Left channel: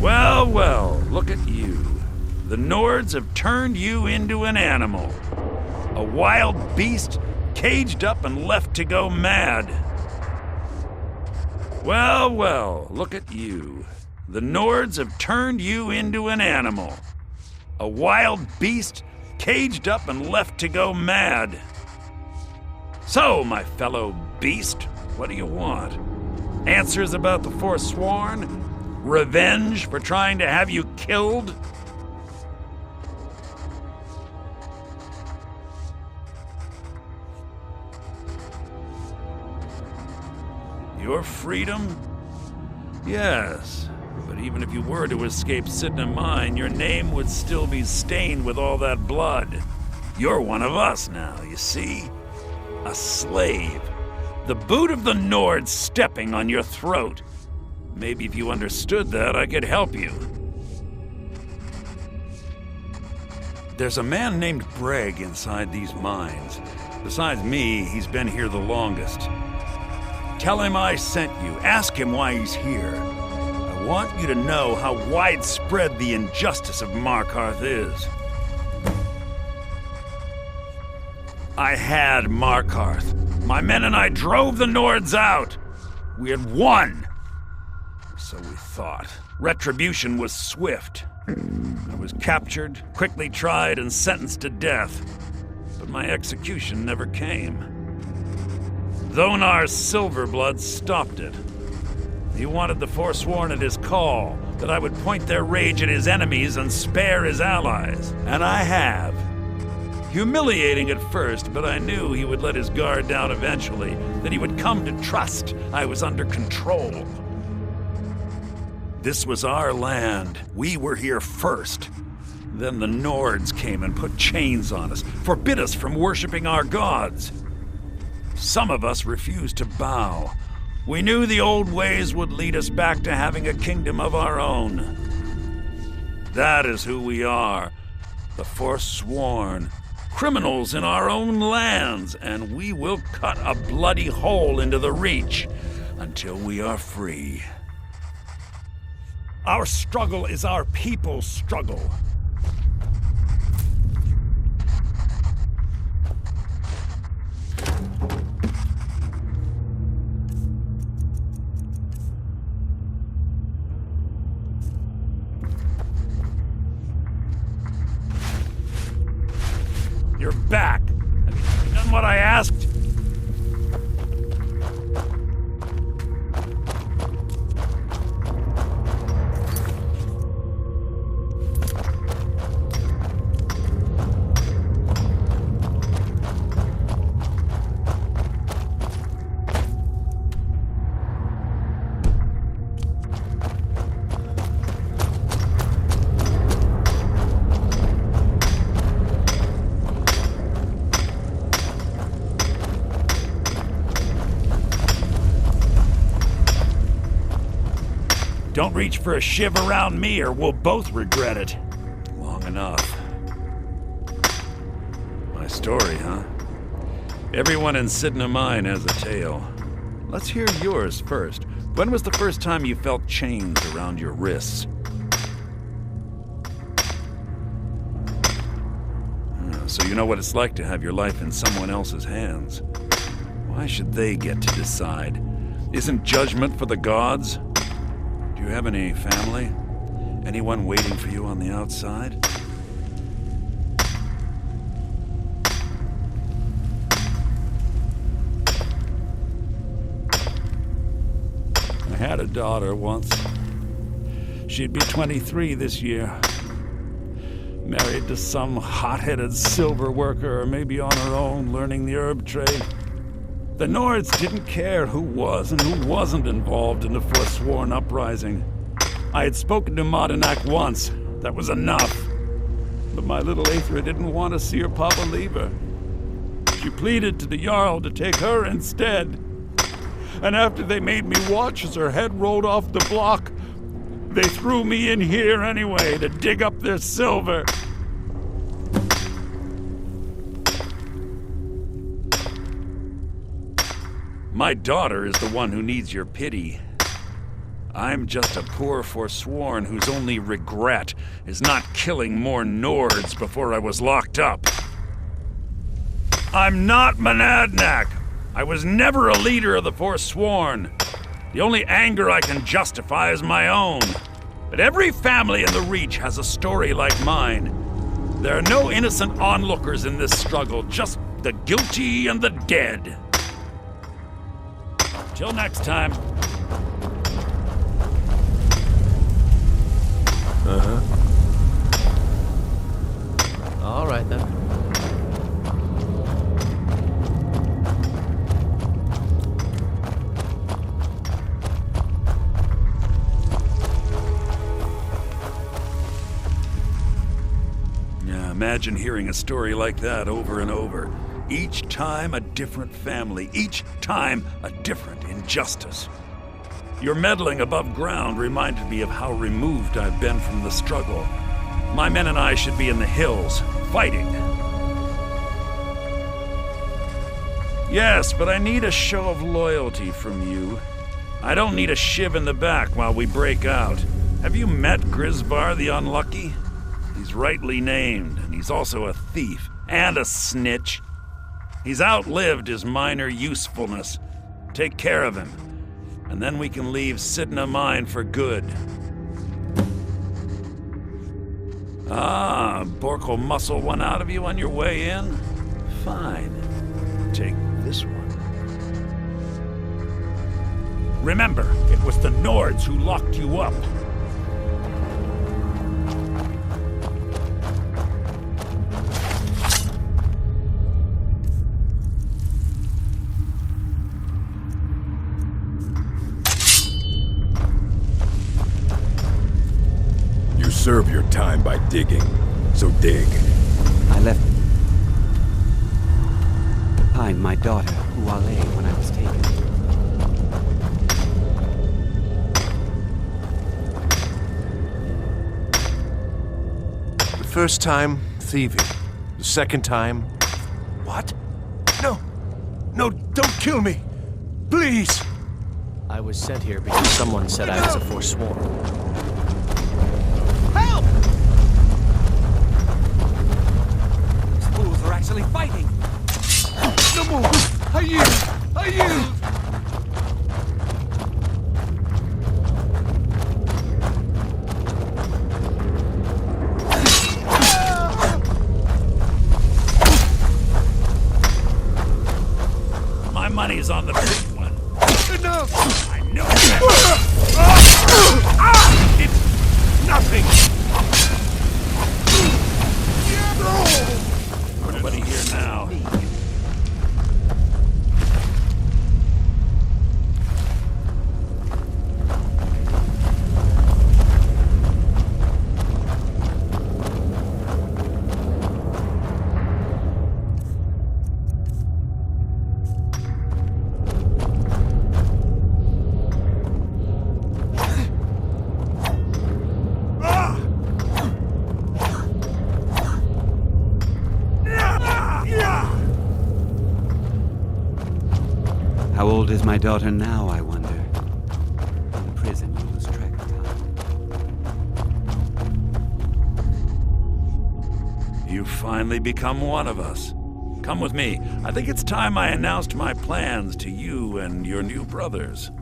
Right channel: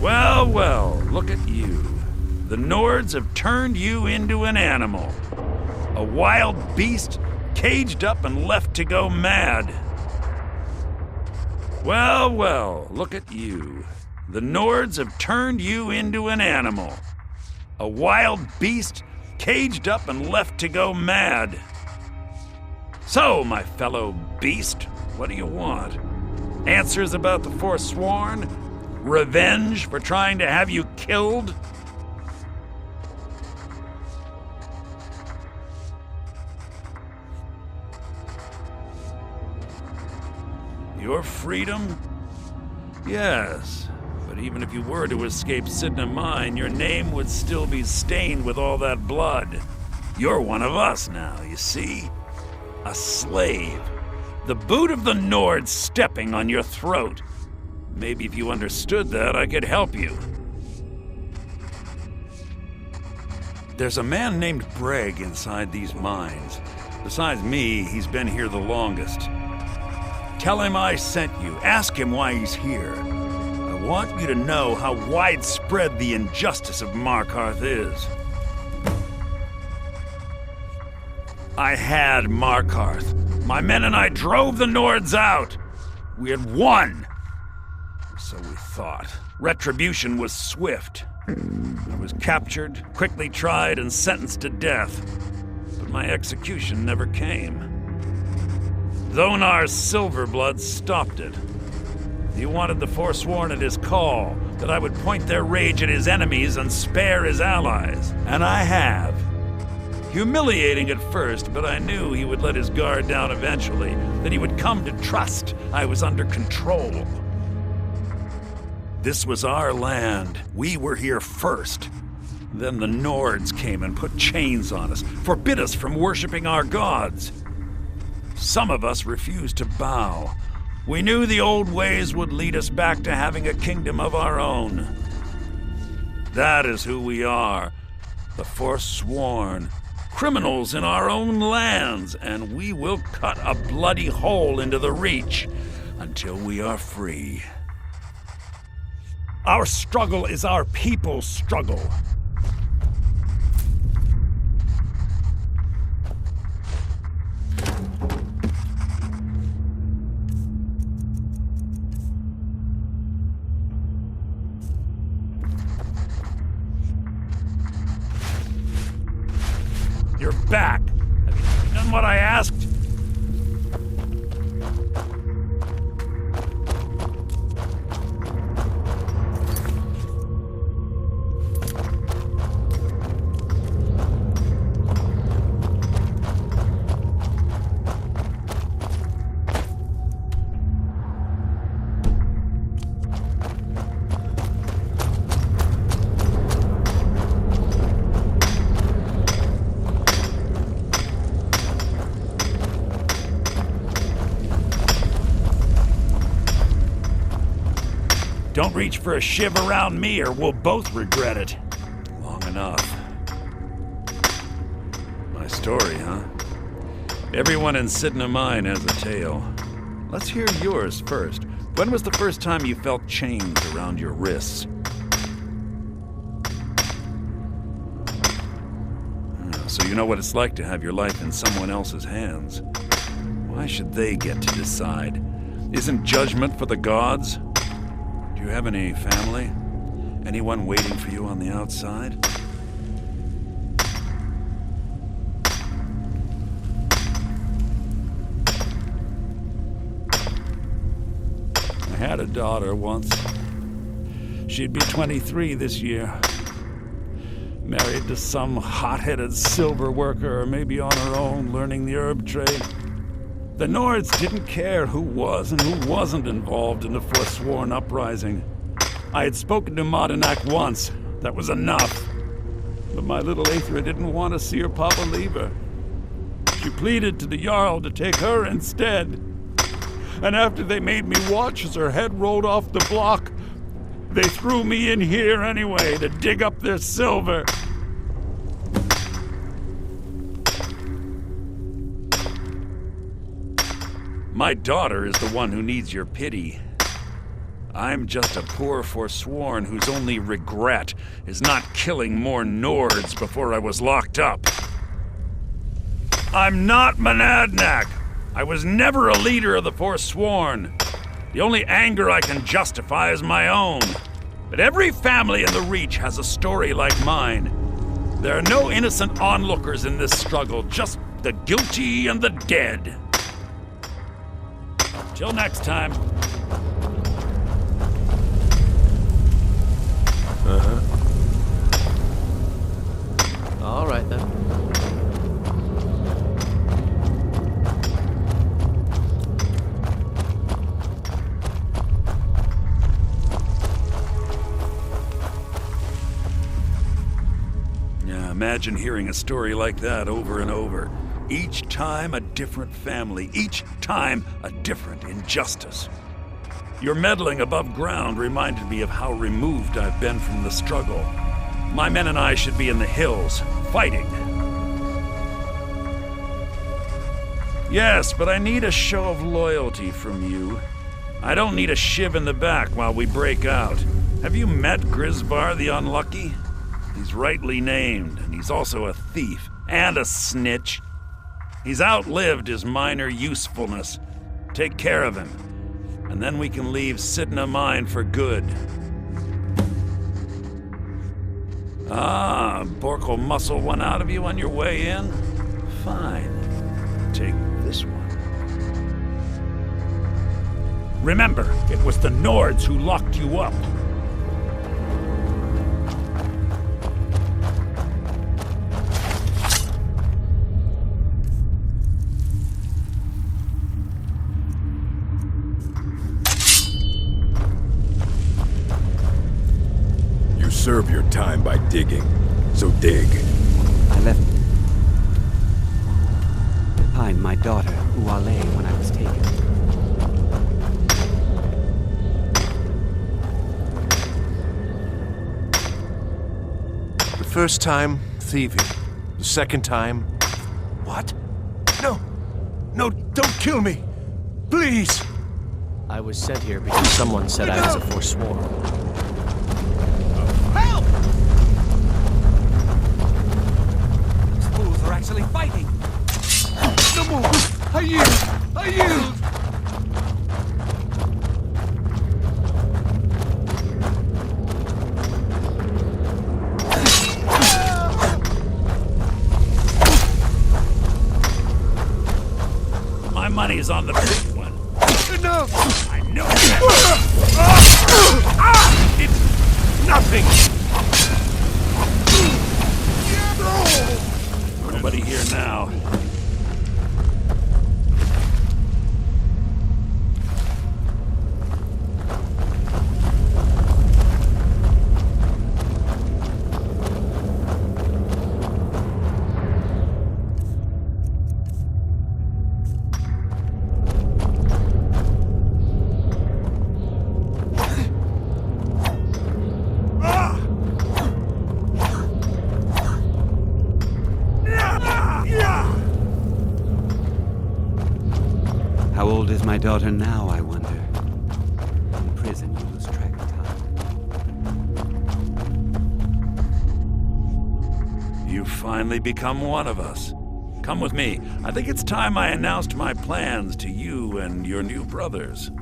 Well, well, look at you. The Nords have turned you into an animal. A wild beast, caged up and left to go mad. Well, well, look at you. The Nords have turned you into an animal. A wild beast, caged up and left to go mad. So, my fellow beast, what do you want? Answers about the Forsworn? Revenge for trying to have you killed? Your freedom? Yes, but even if you were to escape Sidna Mine, your name would still be stained with all that blood. You're one of us now, you see? A slave. The boot of the Nord stepping on your throat. Maybe if you understood that, I could help you. There's a man named Breg inside these mines. Besides me, he's been here the longest. Tell him I sent you. Ask him why he's here. I want you to know how widespread the injustice of Markarth is. I had Markarth. My men and I drove the Nords out. We had won. So we thought. Retribution was swift. I was captured, quickly tried, and sentenced to death. But my execution never came. Dhonar's Silverblood stopped it. He wanted the Forsworn at his call, that I would point their rage at his enemies and spare his allies. And I have. Humiliating at first, but I knew he would let his guard down eventually, that he would come to trust I was under control. This was our land. We were here first. Then the Nords came and put chains on us, forbid us from worshiping our gods. Some of us refused to bow. We knew the old ways would lead us back to having a kingdom of our own. That is who we are, the Forsworn. Criminals in our own lands, and we will cut a bloody hole into the Reach until we are free. Our struggle is our people's struggle. You're back. Have you done what I asked? Don't reach for a shiv around me or we'll both regret it. Long enough. My story, huh? Everyone in Sidna Mine has a tale. Let's hear yours first. When was the first time you felt chains around your wrists? So you know what it's like to have your life in someone else's hands. Why should they get to decide? Isn't judgment for the gods? Do you have any family? Anyone waiting for you on the outside? I had a daughter once. She'd be 23 this year. Married to some hot-headed silver worker, or maybe on her own, learning the herb trade. The Nords didn't care who was and who wasn't involved in the Forsworn uprising. I had spoken to Modinak once. That was enough. But my little Aethra didn't want to see her papa leave her. She pleaded to the Jarl to take her instead. And after they made me watch as her head rolled off the block, they threw me in here anyway to dig up their silver. My daughter is the one who needs your pity. I'm just a poor Forsworn whose only regret is not killing more Nords before I was locked up. I'm not Monadnac. I was never a leader of the Forsworn. The only anger I can justify is my own. But every family in the Reach has a story like mine. There are no innocent onlookers in this struggle, just the guilty and the dead. Till next time. Uh-huh. All right, then. Yeah, imagine hearing a story like that over and over. Each time a different family, each time a different injustice. Your meddling above ground reminded me of how removed I've been from the struggle. My men and I should be in the hills, fighting. Yes, but I need a show of loyalty from you. I don't need a shiv in the back while we break out. Have you met Grisvar the Unlucky? He's rightly named, and he's also a thief and a snitch. He's outlived his minor usefulness. Take care of him, and then we can leave Sidna Mine for good. Ah, Bork will muscle one out of you on your way in? Fine. Take this one. Remember, it was the Nords who locked you up. You serve your time by digging, so dig. I left behind my daughter, Uale, when I was taken. The first time, thieving. The second time... What? No! No, don't kill me! Please! I was sent here because someone said I was a Forsworn. Help! These fools are actually fighting! No more! I yield! I yield! My money's on the big one. Enough! I know that. It's nothing! Nobody here now. How old is my daughter now, I wonder? In prison, you lose track of time. You've finally become one of us. Come with me. I think it's time I announced my plans to you and your new brothers.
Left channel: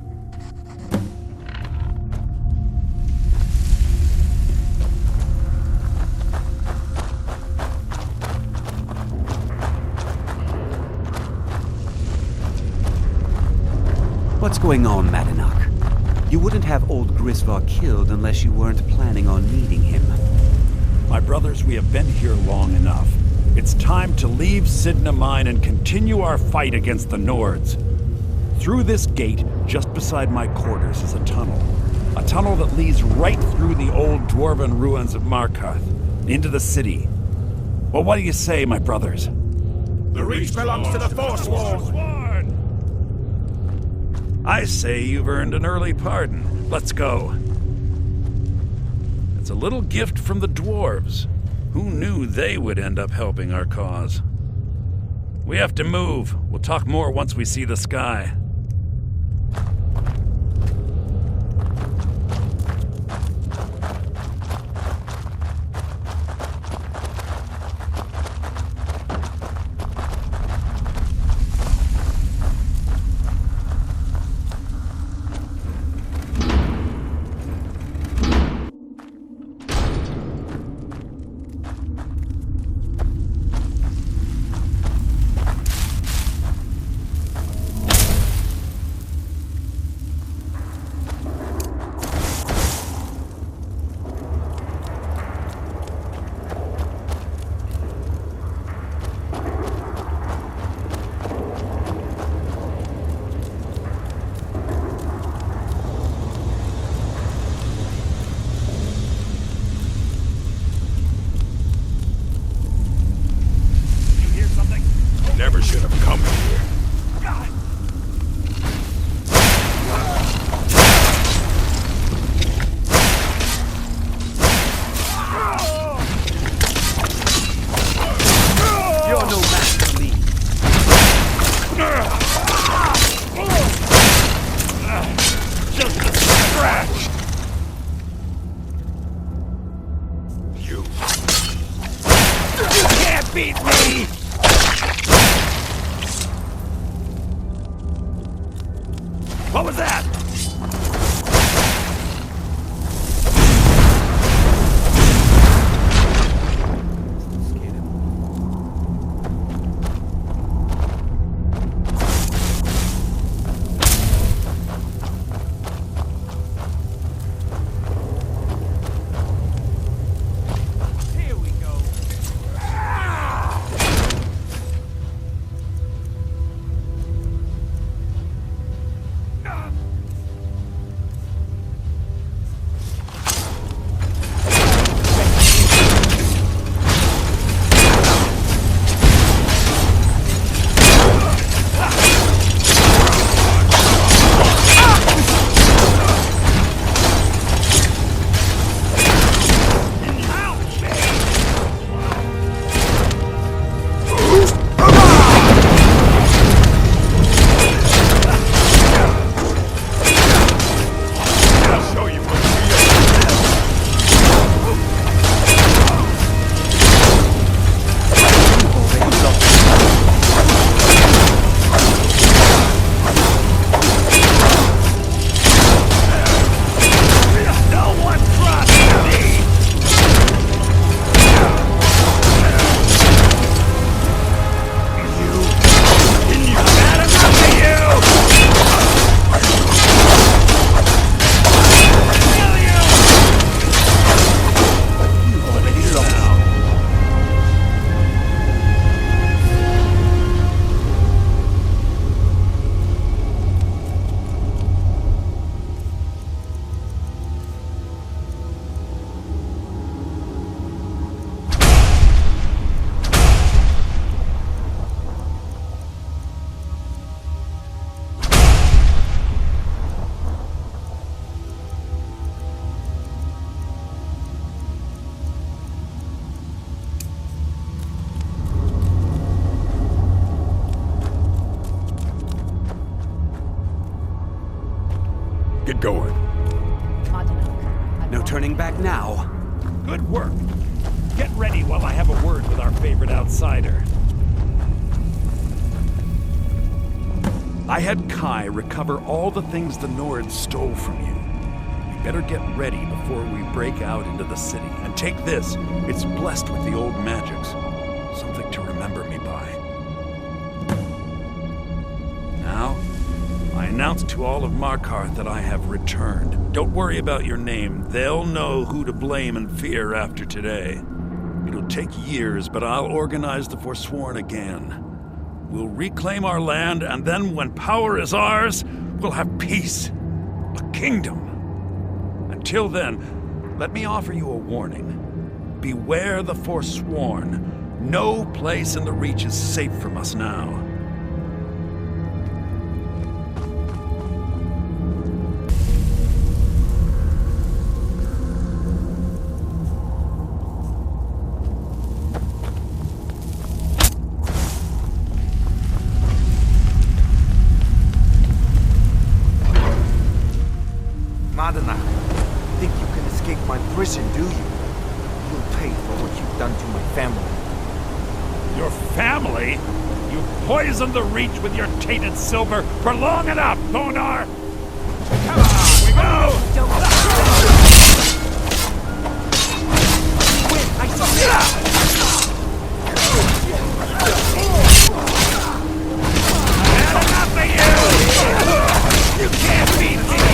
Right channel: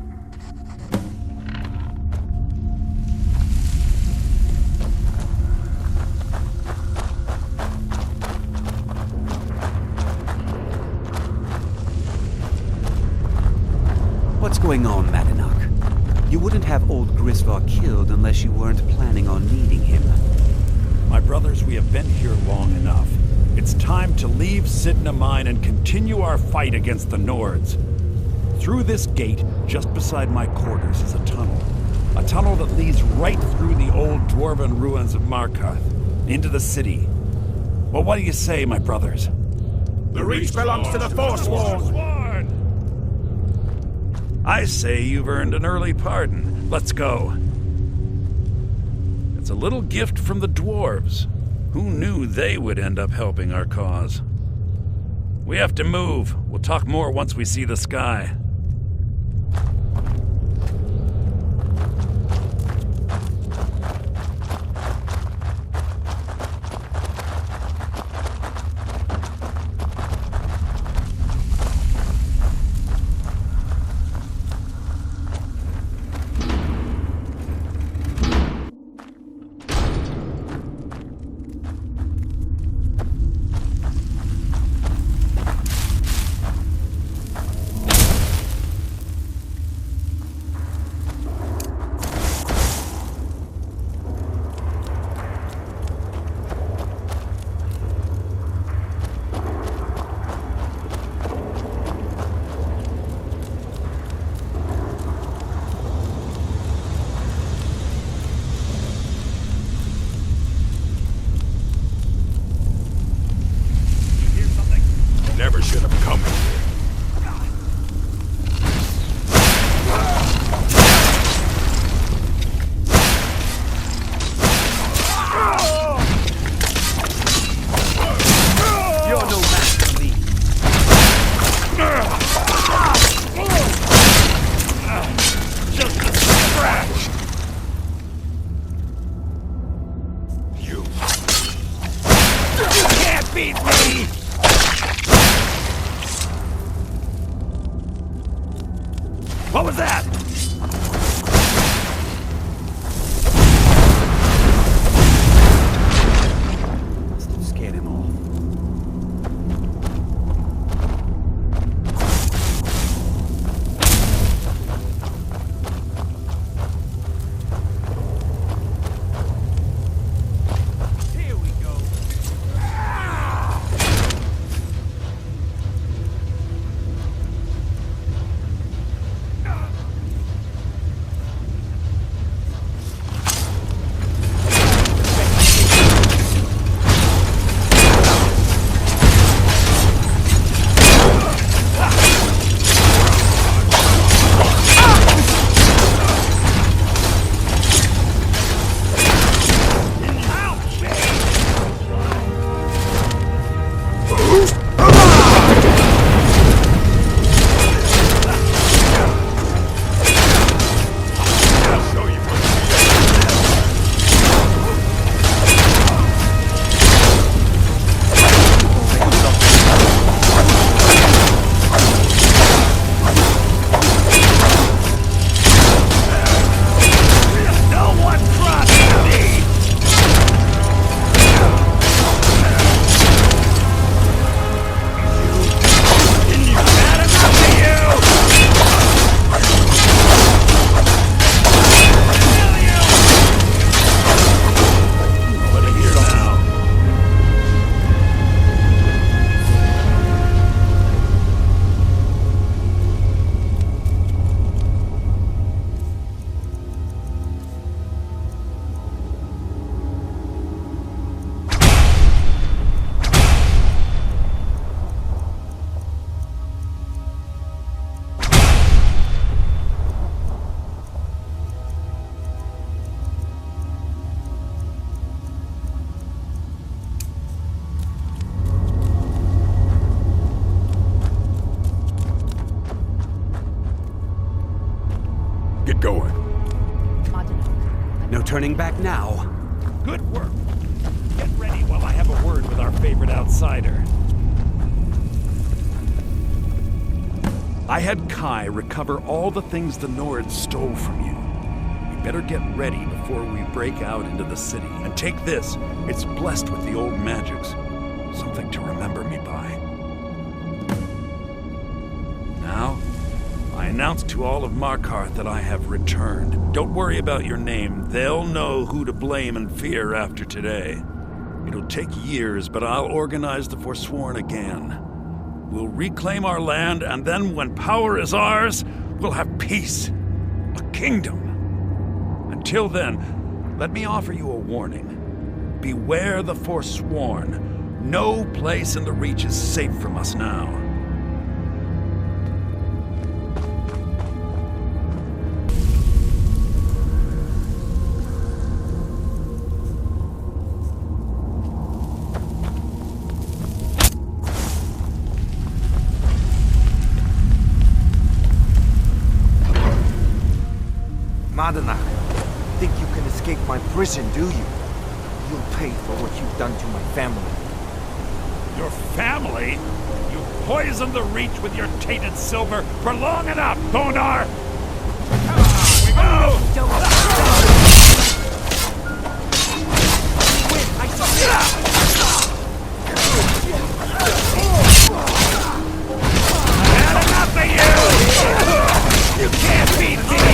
What's going on, Madanach? You wouldn't have old Grisvar killed unless you weren't planning on needing him. My brothers, we have been here long enough. It's time to leave Sidna Mine and continue our fight against the Nords. Through this gate, just beside my quarters, is a tunnel. A tunnel that leads right through the old dwarven ruins of Markarth, into the city. Well, what do you say, my brothers? The Reach belongs to the Forsworn! I say you've earned an early pardon. Let's go. It's a little gift from the dwarves. Who knew they would end up helping our cause? We have to move. We'll talk more once we see the sky. What was that? Must have scared him off. Here we go. Get going. No turning back now. Good work. Get ready while I have a word with our favorite outsider. I had Kai recover all the things the Nords stole from you. You better get ready before we break out into the city. And take this. It's blessed with the old magics. Something to remember me by. Now, I announce to all of Markarth that I have returned. Don't worry about your name. They'll know who to blame and fear after today. It'll take years, but I'll organize the Forsworn again. We'll reclaim our land, and then when power is ours, we'll have peace. A kingdom. Until then, let me offer you a warning. Beware the Forsworn. No place in the Reach is safe from us now. Madanak, think you can escape my prison, do you? You'll pay for what you've done to my family. Your family? You poisoned the Reach with your tainted silver for long enough, Thonar! Come on, we go! Win, I submit! Had enough of you! You can't beat me!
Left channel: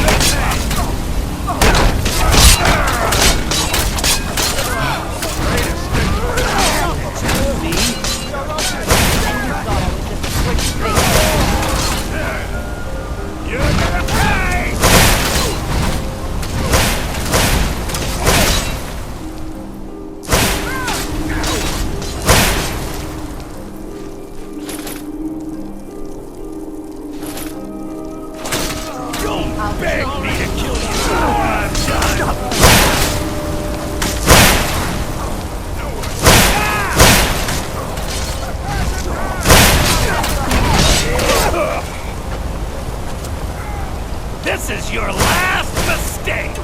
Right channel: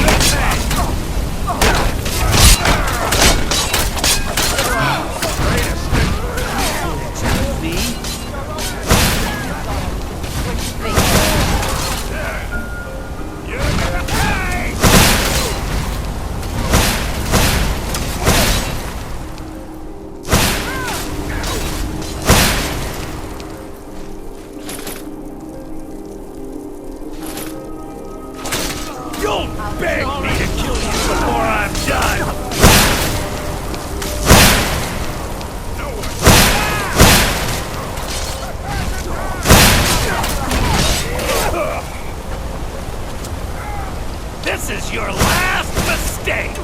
Beg me to kill you before I'm done! This is your last mistake!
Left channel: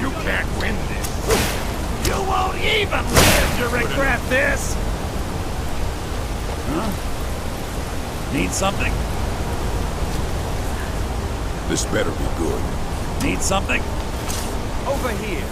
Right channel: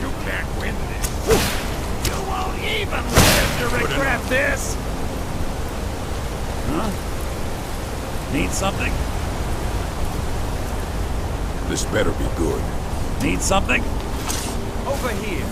You can't win this. You won't even live to regret this! Huh? Need something? This better be good. Need something? Over here.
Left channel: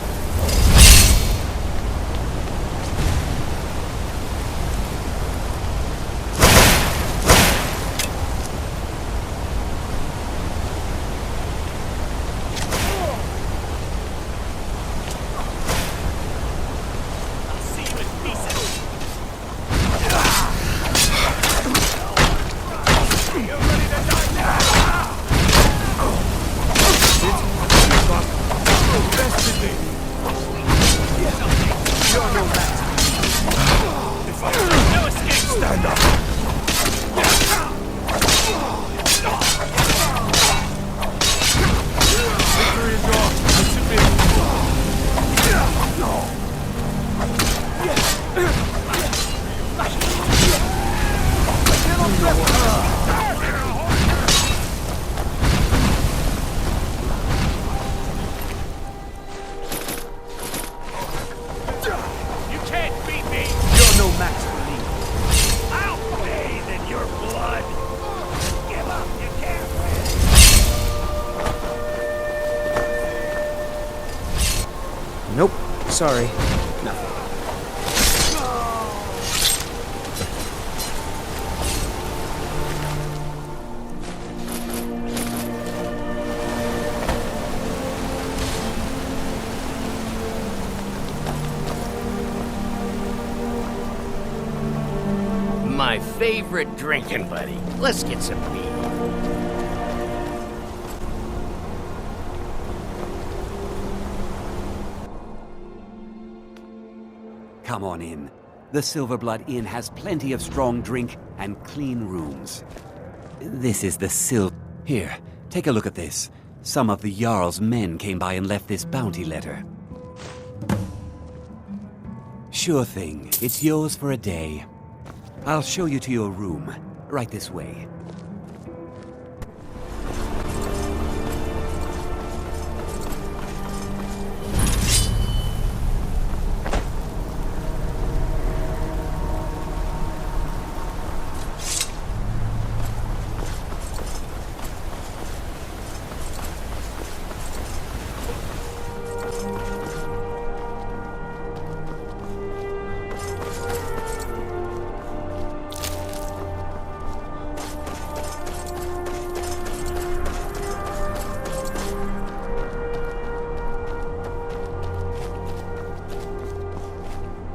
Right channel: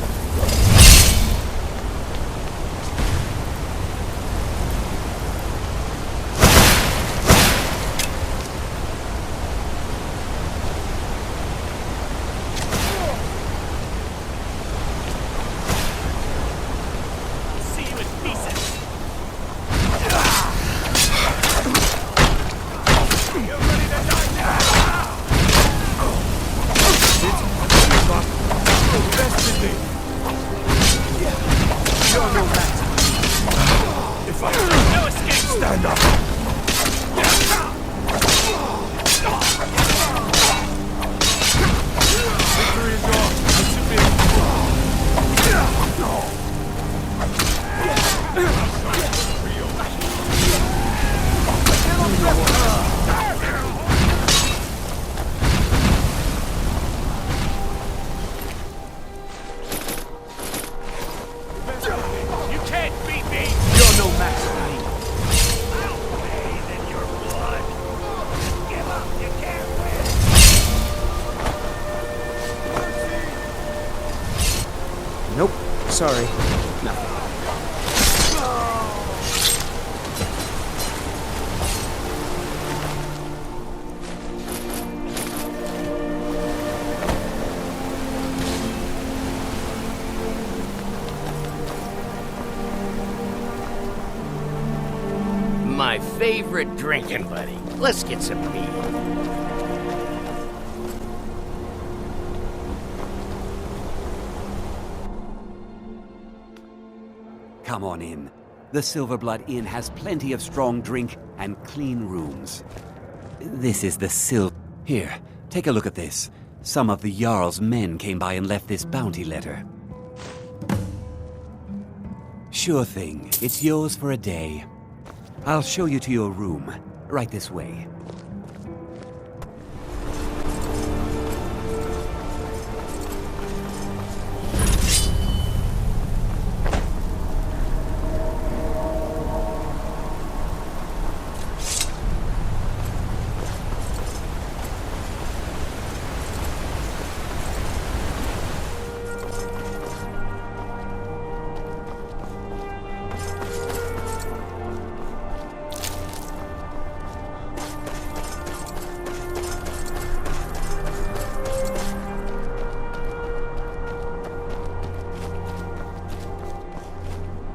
Nope. Sorry. Nothing. My favorite drinking buddy. Let's get some meat. Come on in. The Silverblood Inn has plenty of strong drink and clean rooms. This is the Here, take a look at this. Some of the Jarl's men came by and left this bounty letter. Sure thing. It's yours for a day. I'll show you to your room. Right this way.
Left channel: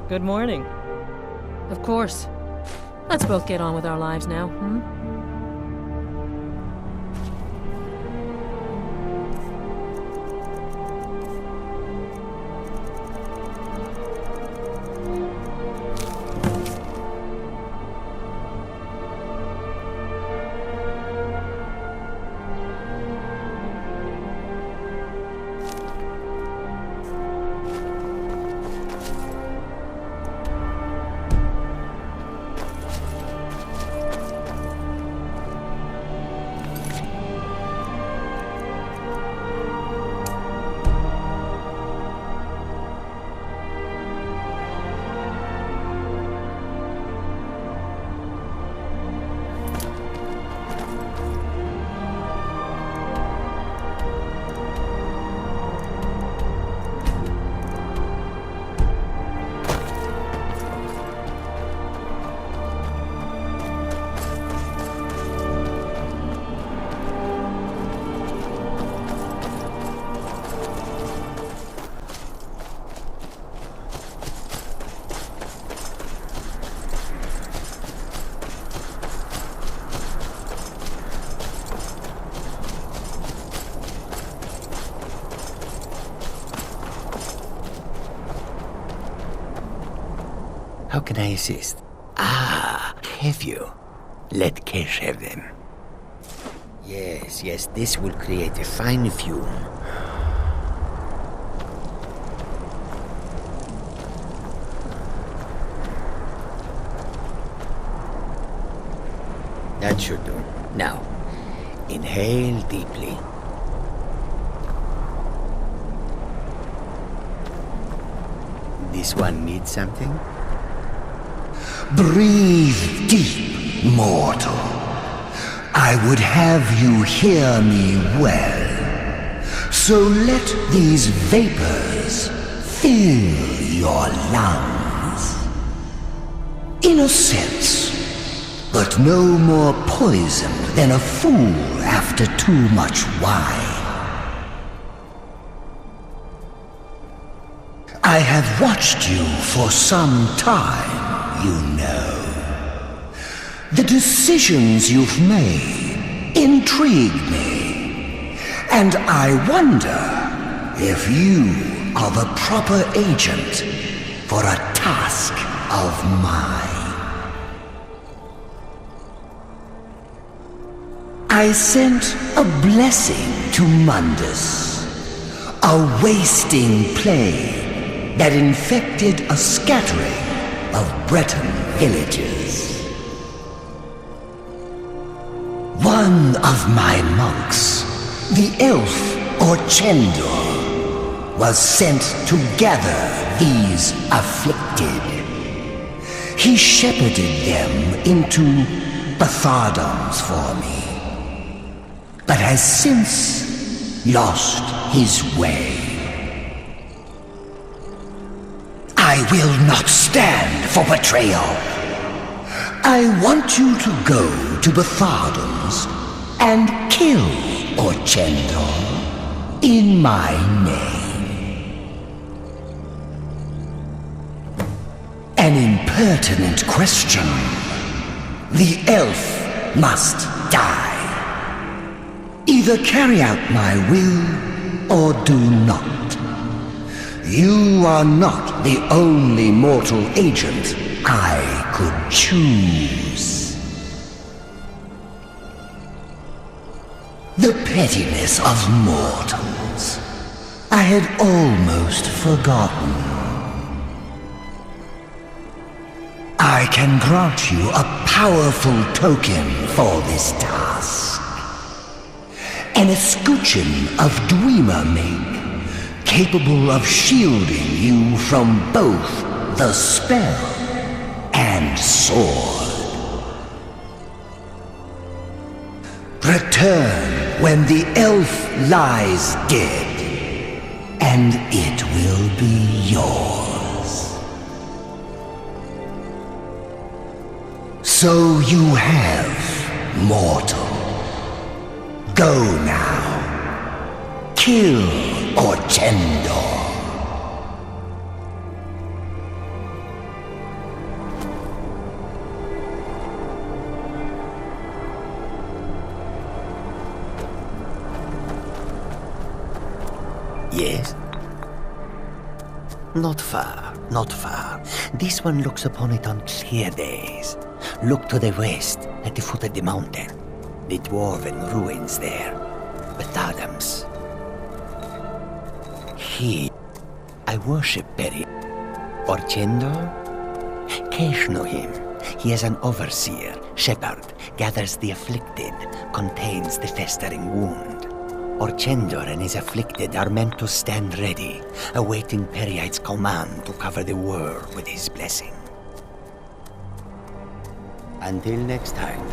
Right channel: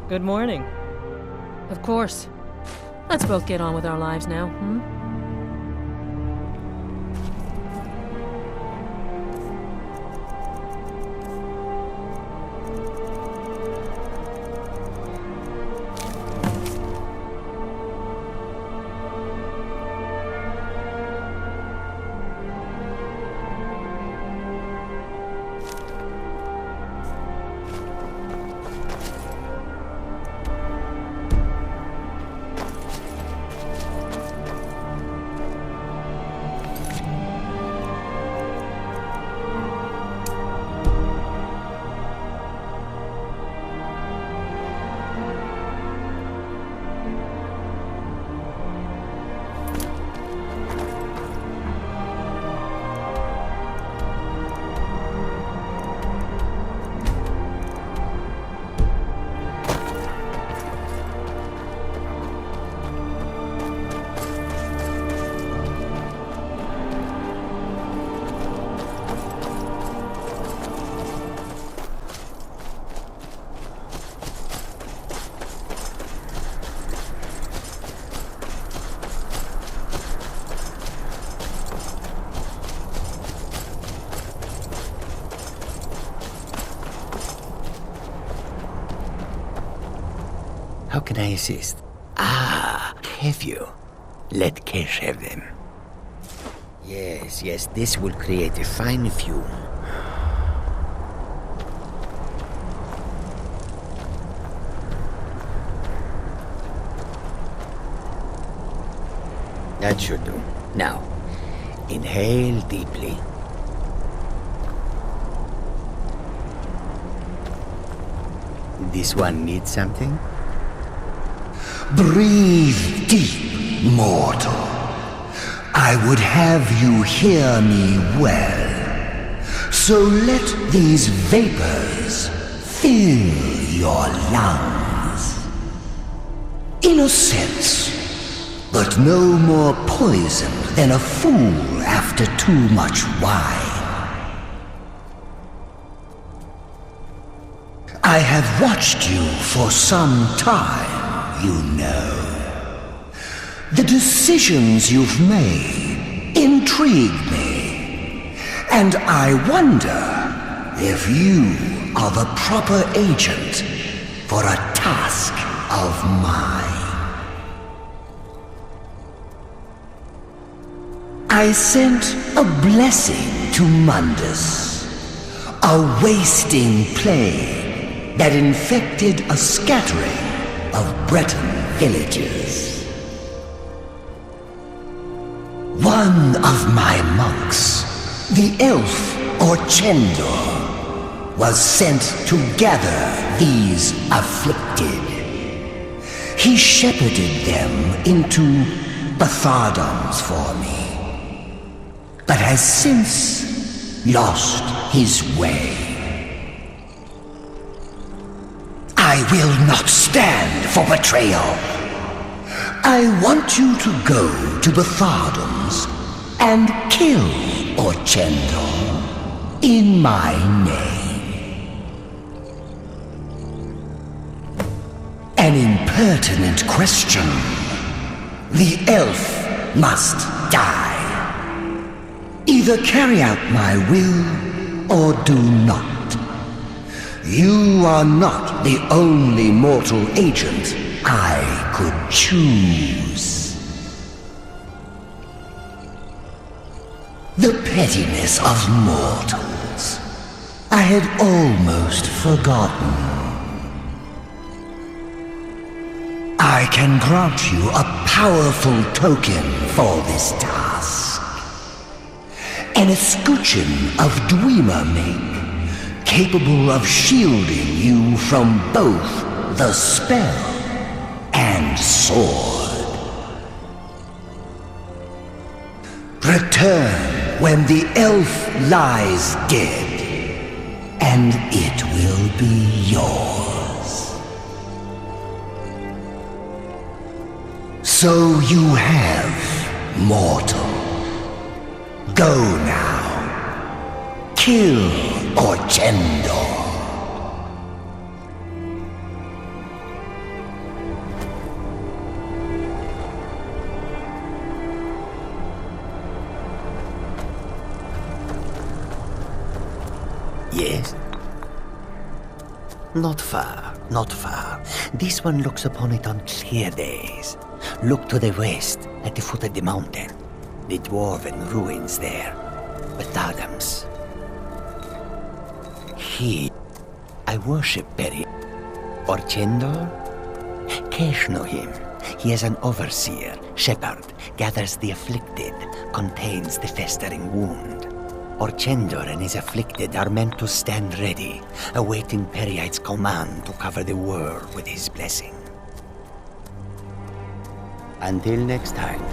Good morning. Of course. Let's both get on with our lives now, hmm? How can I assist? Ah, have you? Let Kesh have them. Yes, this will create a fine fume. That should do. Now, inhale deeply. This one needs something? Breathe deep, mortal. I would have you hear me well. So let these vapors fill your lungs. In a sense, but no more poisoned than a fool after too much wine. I have watched you for some time, you know. The decisions you've made intrigue me, and I wonder if you are the proper agent for a task of mine. I sent a blessing to Mundus, a wasting plague that infected a scattering of Breton villages. One of my monks, the elf Orchendor, was sent to gather these afflicted. He shepherded them into Bathardoms for me, but has since lost his way. I will not stand for betrayal. I want you to go to Bathardoms and kill Orchendor in my name. An impertinent question. The elf must die. Either carry out my will or do not. You are not the only mortal agent I could choose. The pettiness of mortals. I had almost forgotten. I can grant you a powerful token for this task. An escutcheon of Dwemer make, capable of shielding you from both the spell and sword. Return when the elf lies dead, and it will be yours. So you have, mortal. Go now. Kill Orchendor. Yes? Not far, not far. This one looks upon it on clear days. Look to the west, at the foot of the mountain. The dwarven ruins there. Bathardoms. He... I worship Perry. Orchendor? Kesh know him. He is an overseer, shepherd, gathers the afflicted, contains the festering wound. Orchendor and his afflicted are meant to stand ready, awaiting Periite's command to cover the world with his blessing. Until next time.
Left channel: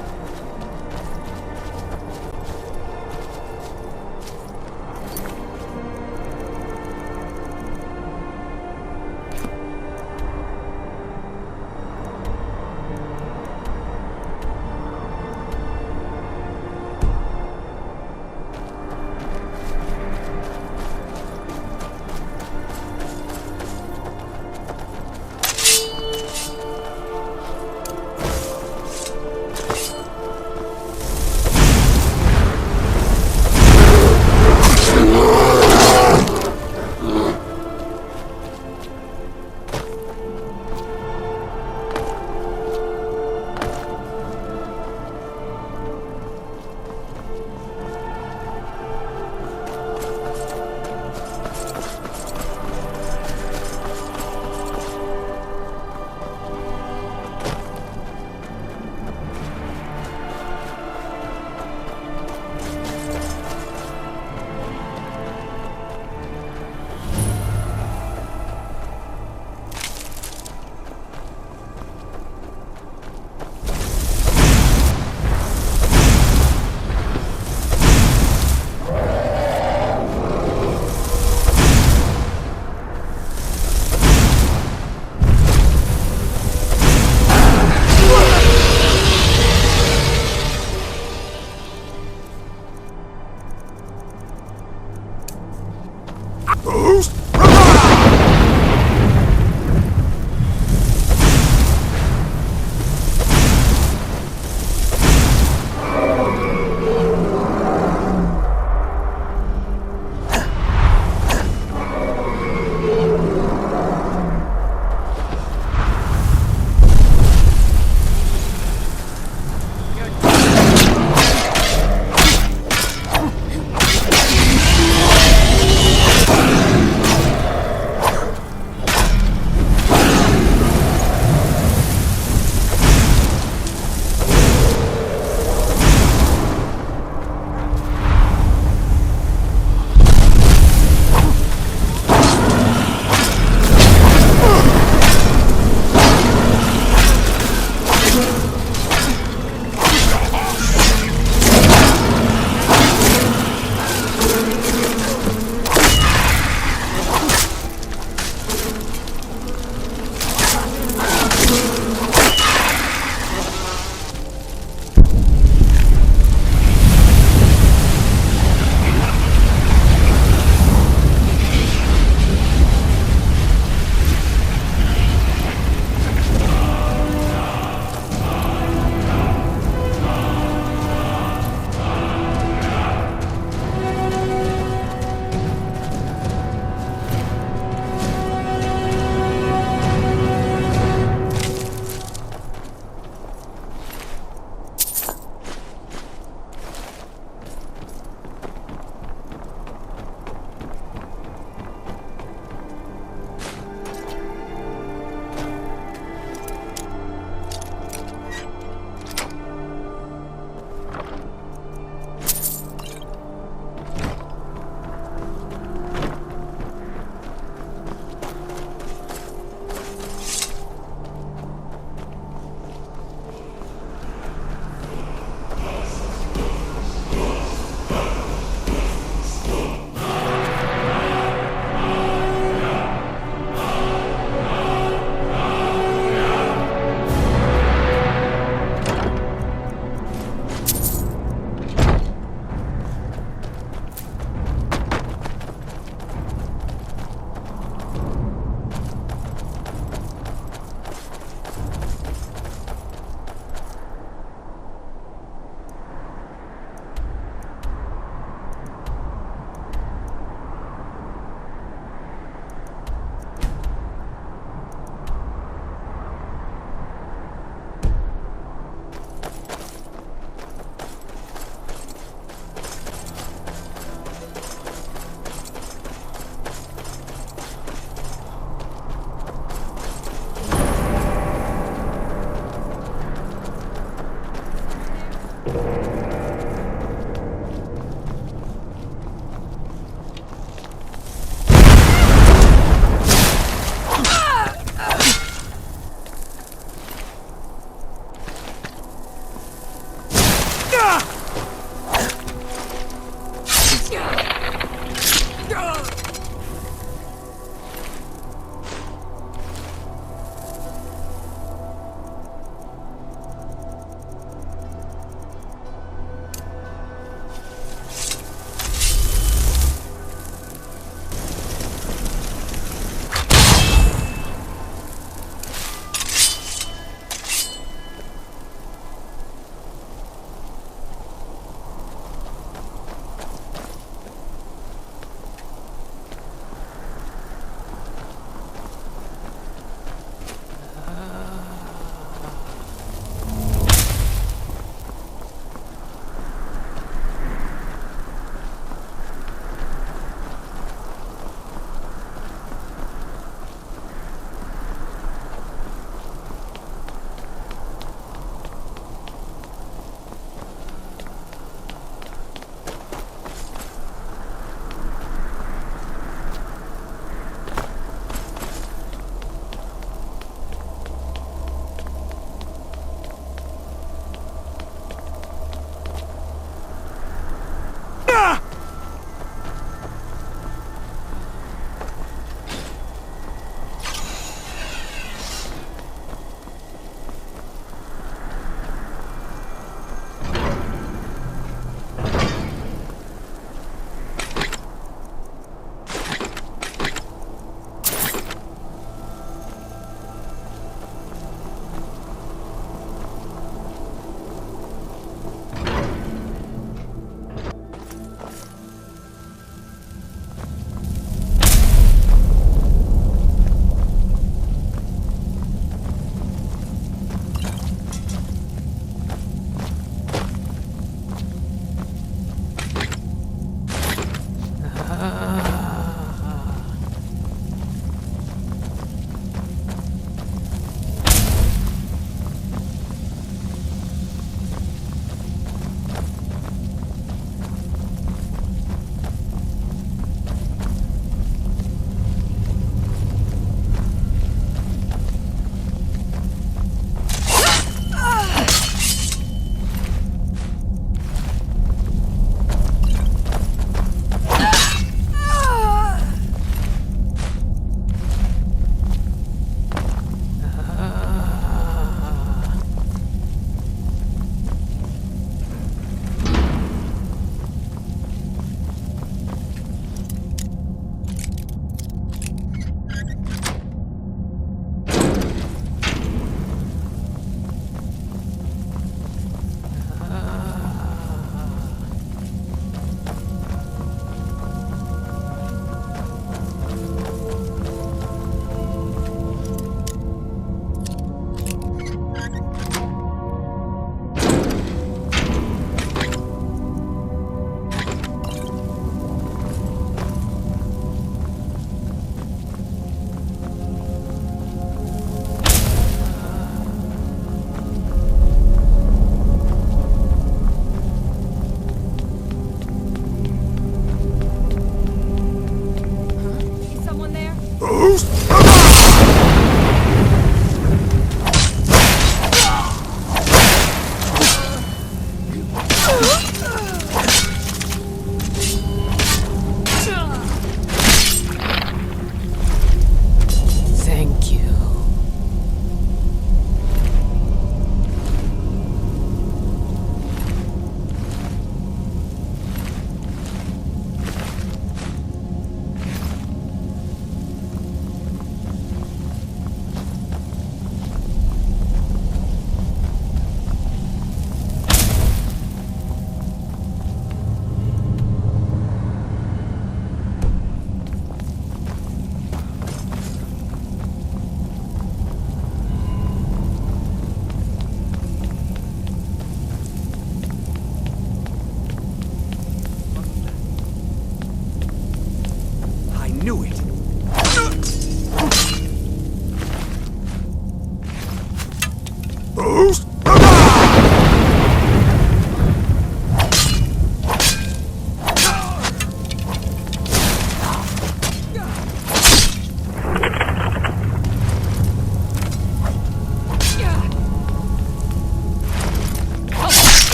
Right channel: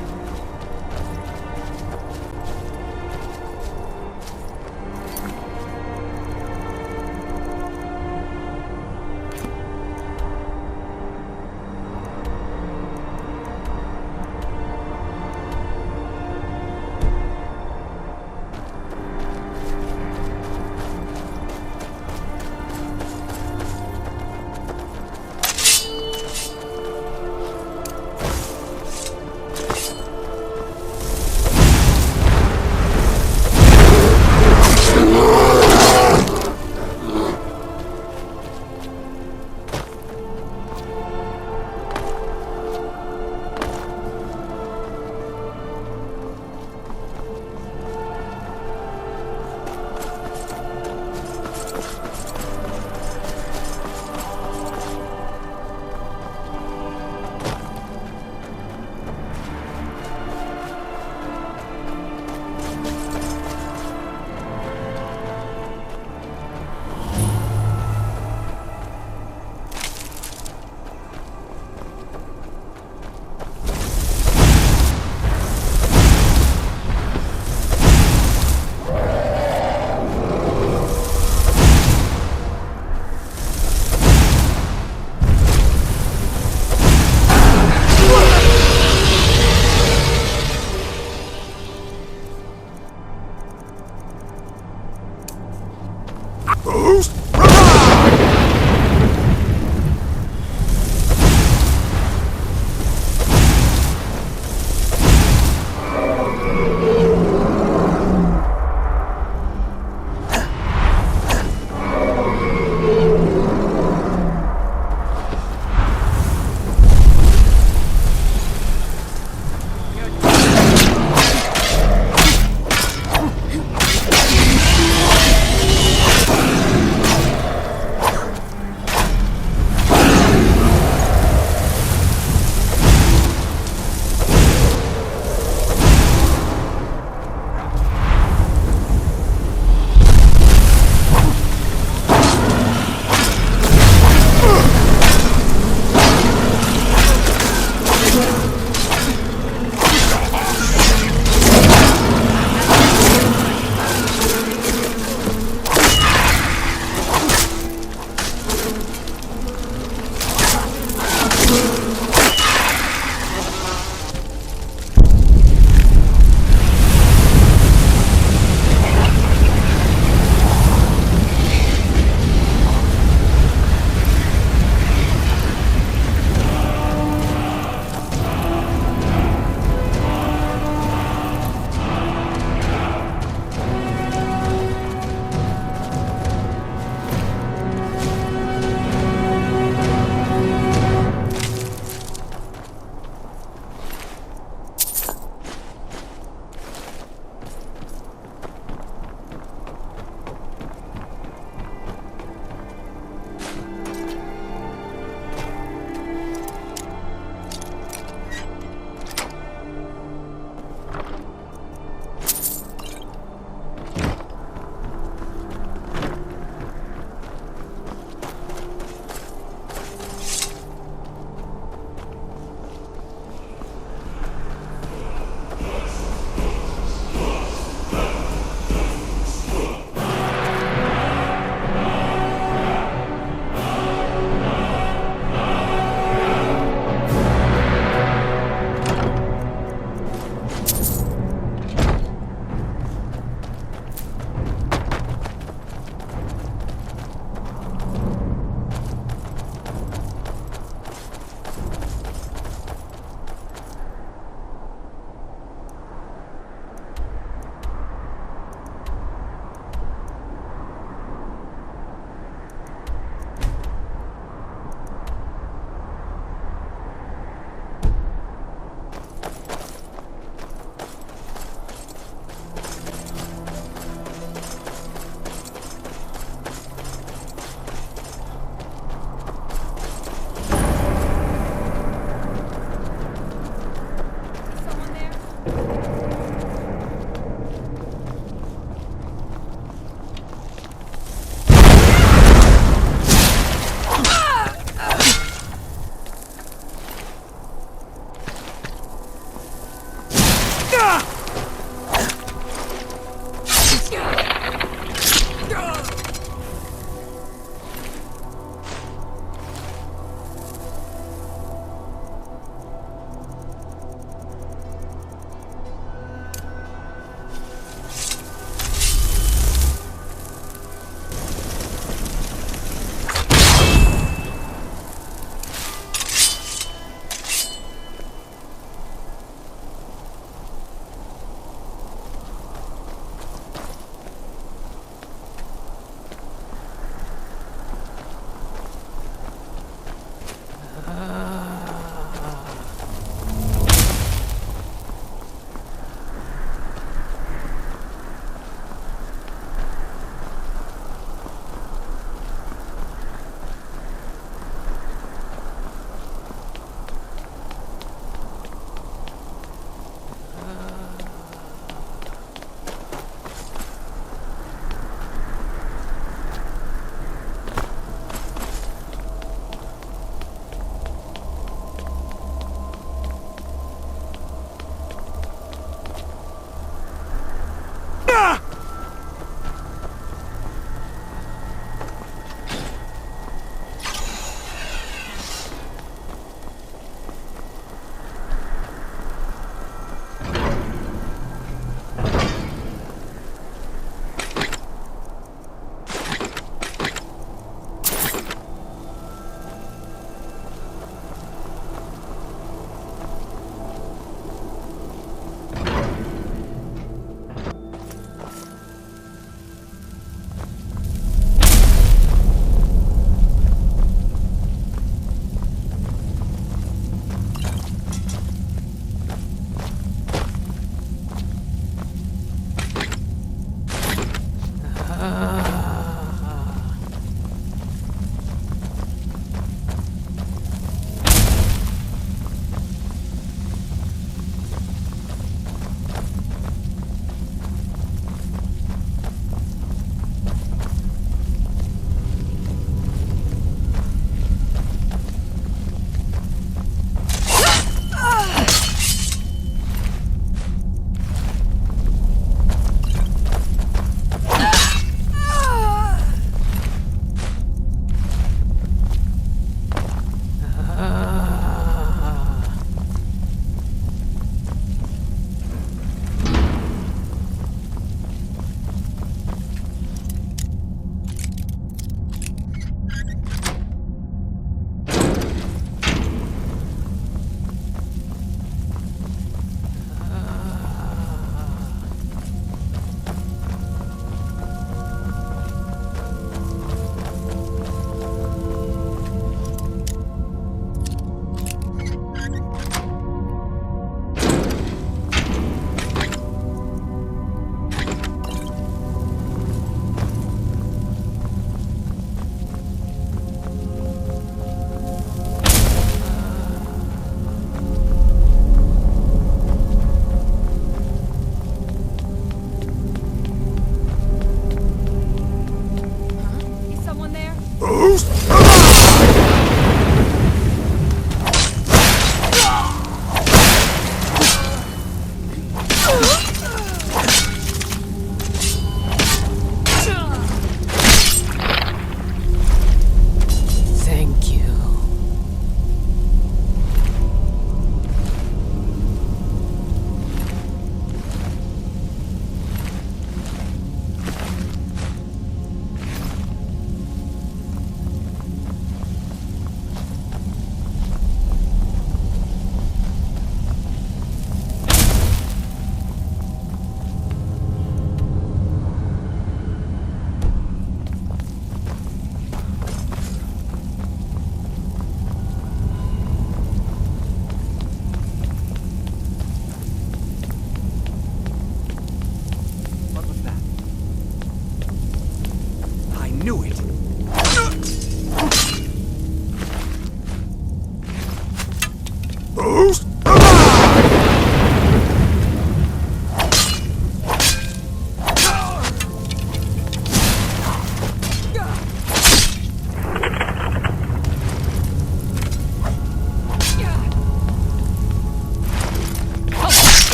knew it!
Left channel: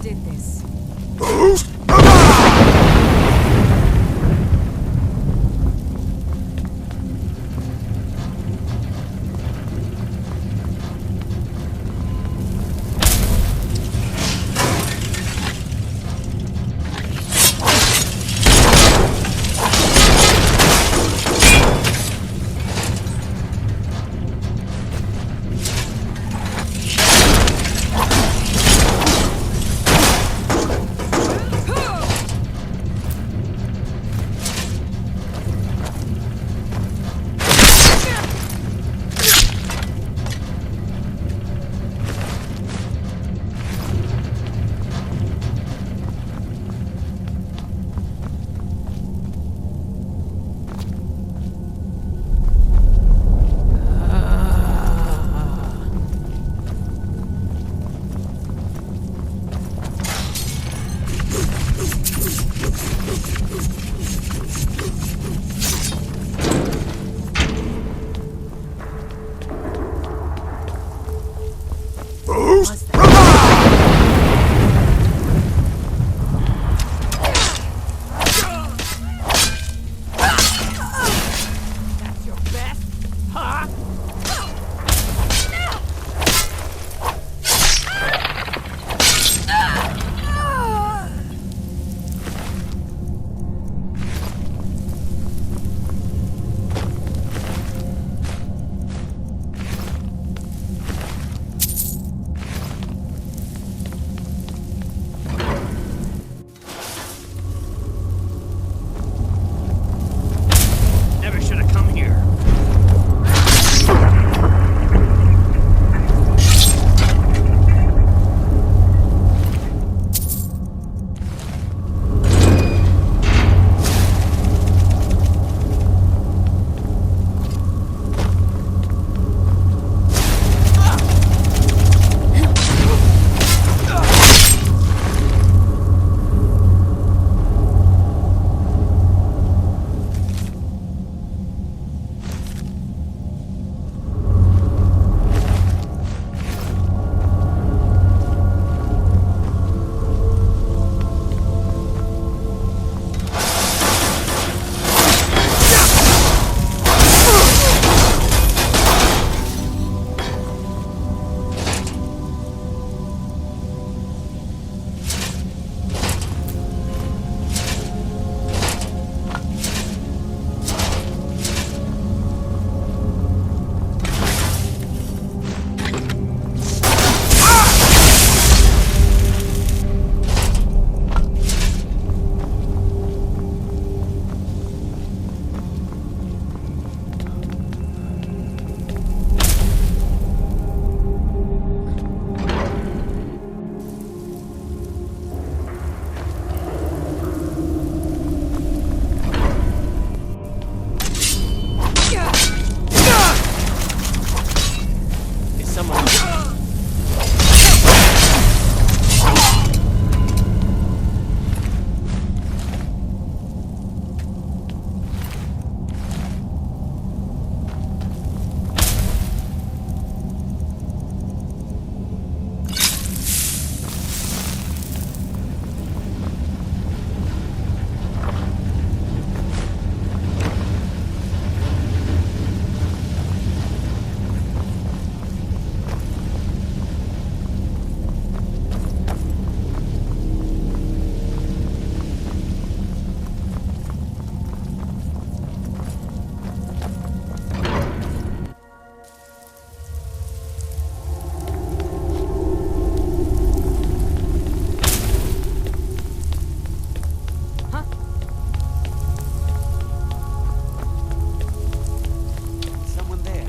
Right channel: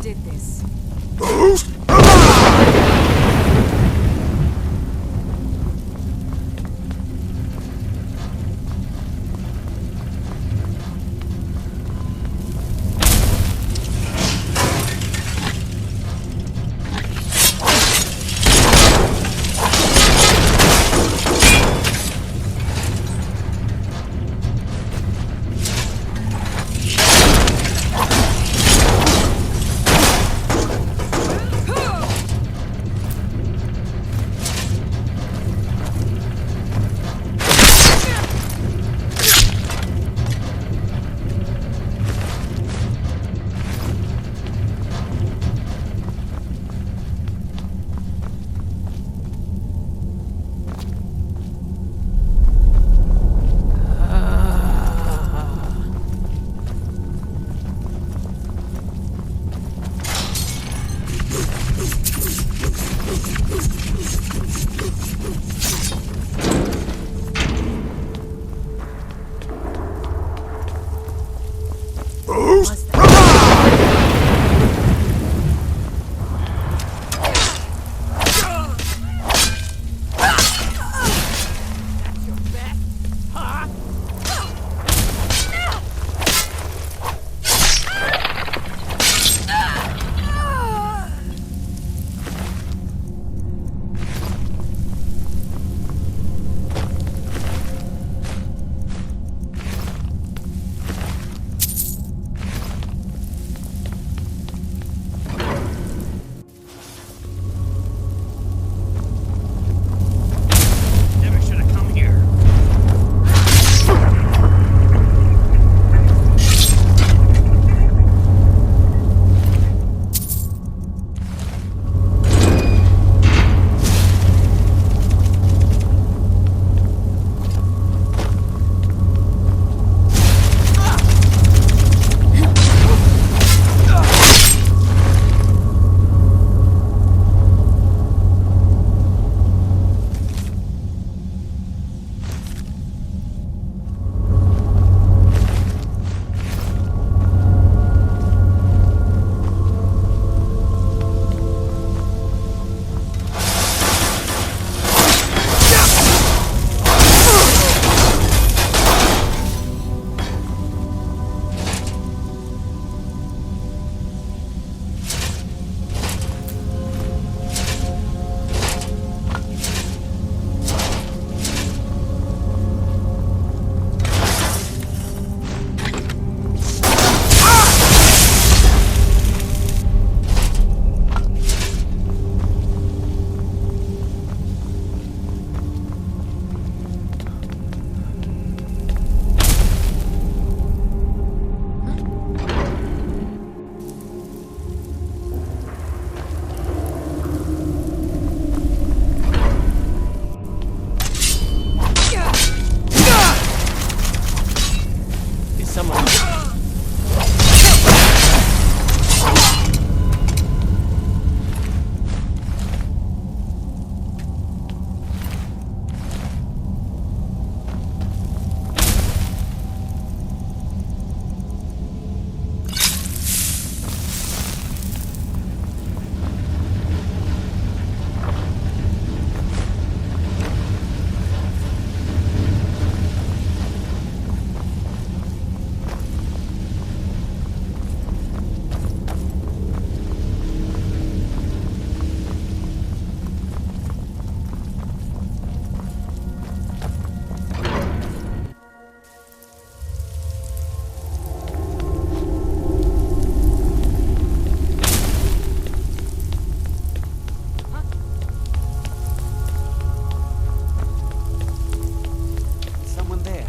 Did this. someone. Someone there.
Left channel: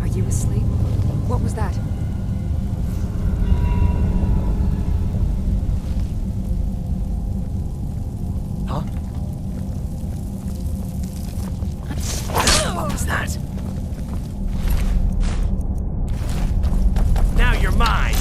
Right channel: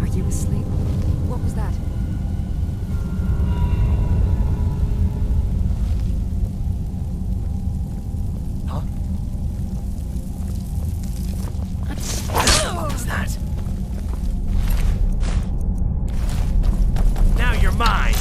Are you asleep? What was that? Huh? What was that? Now you're mine!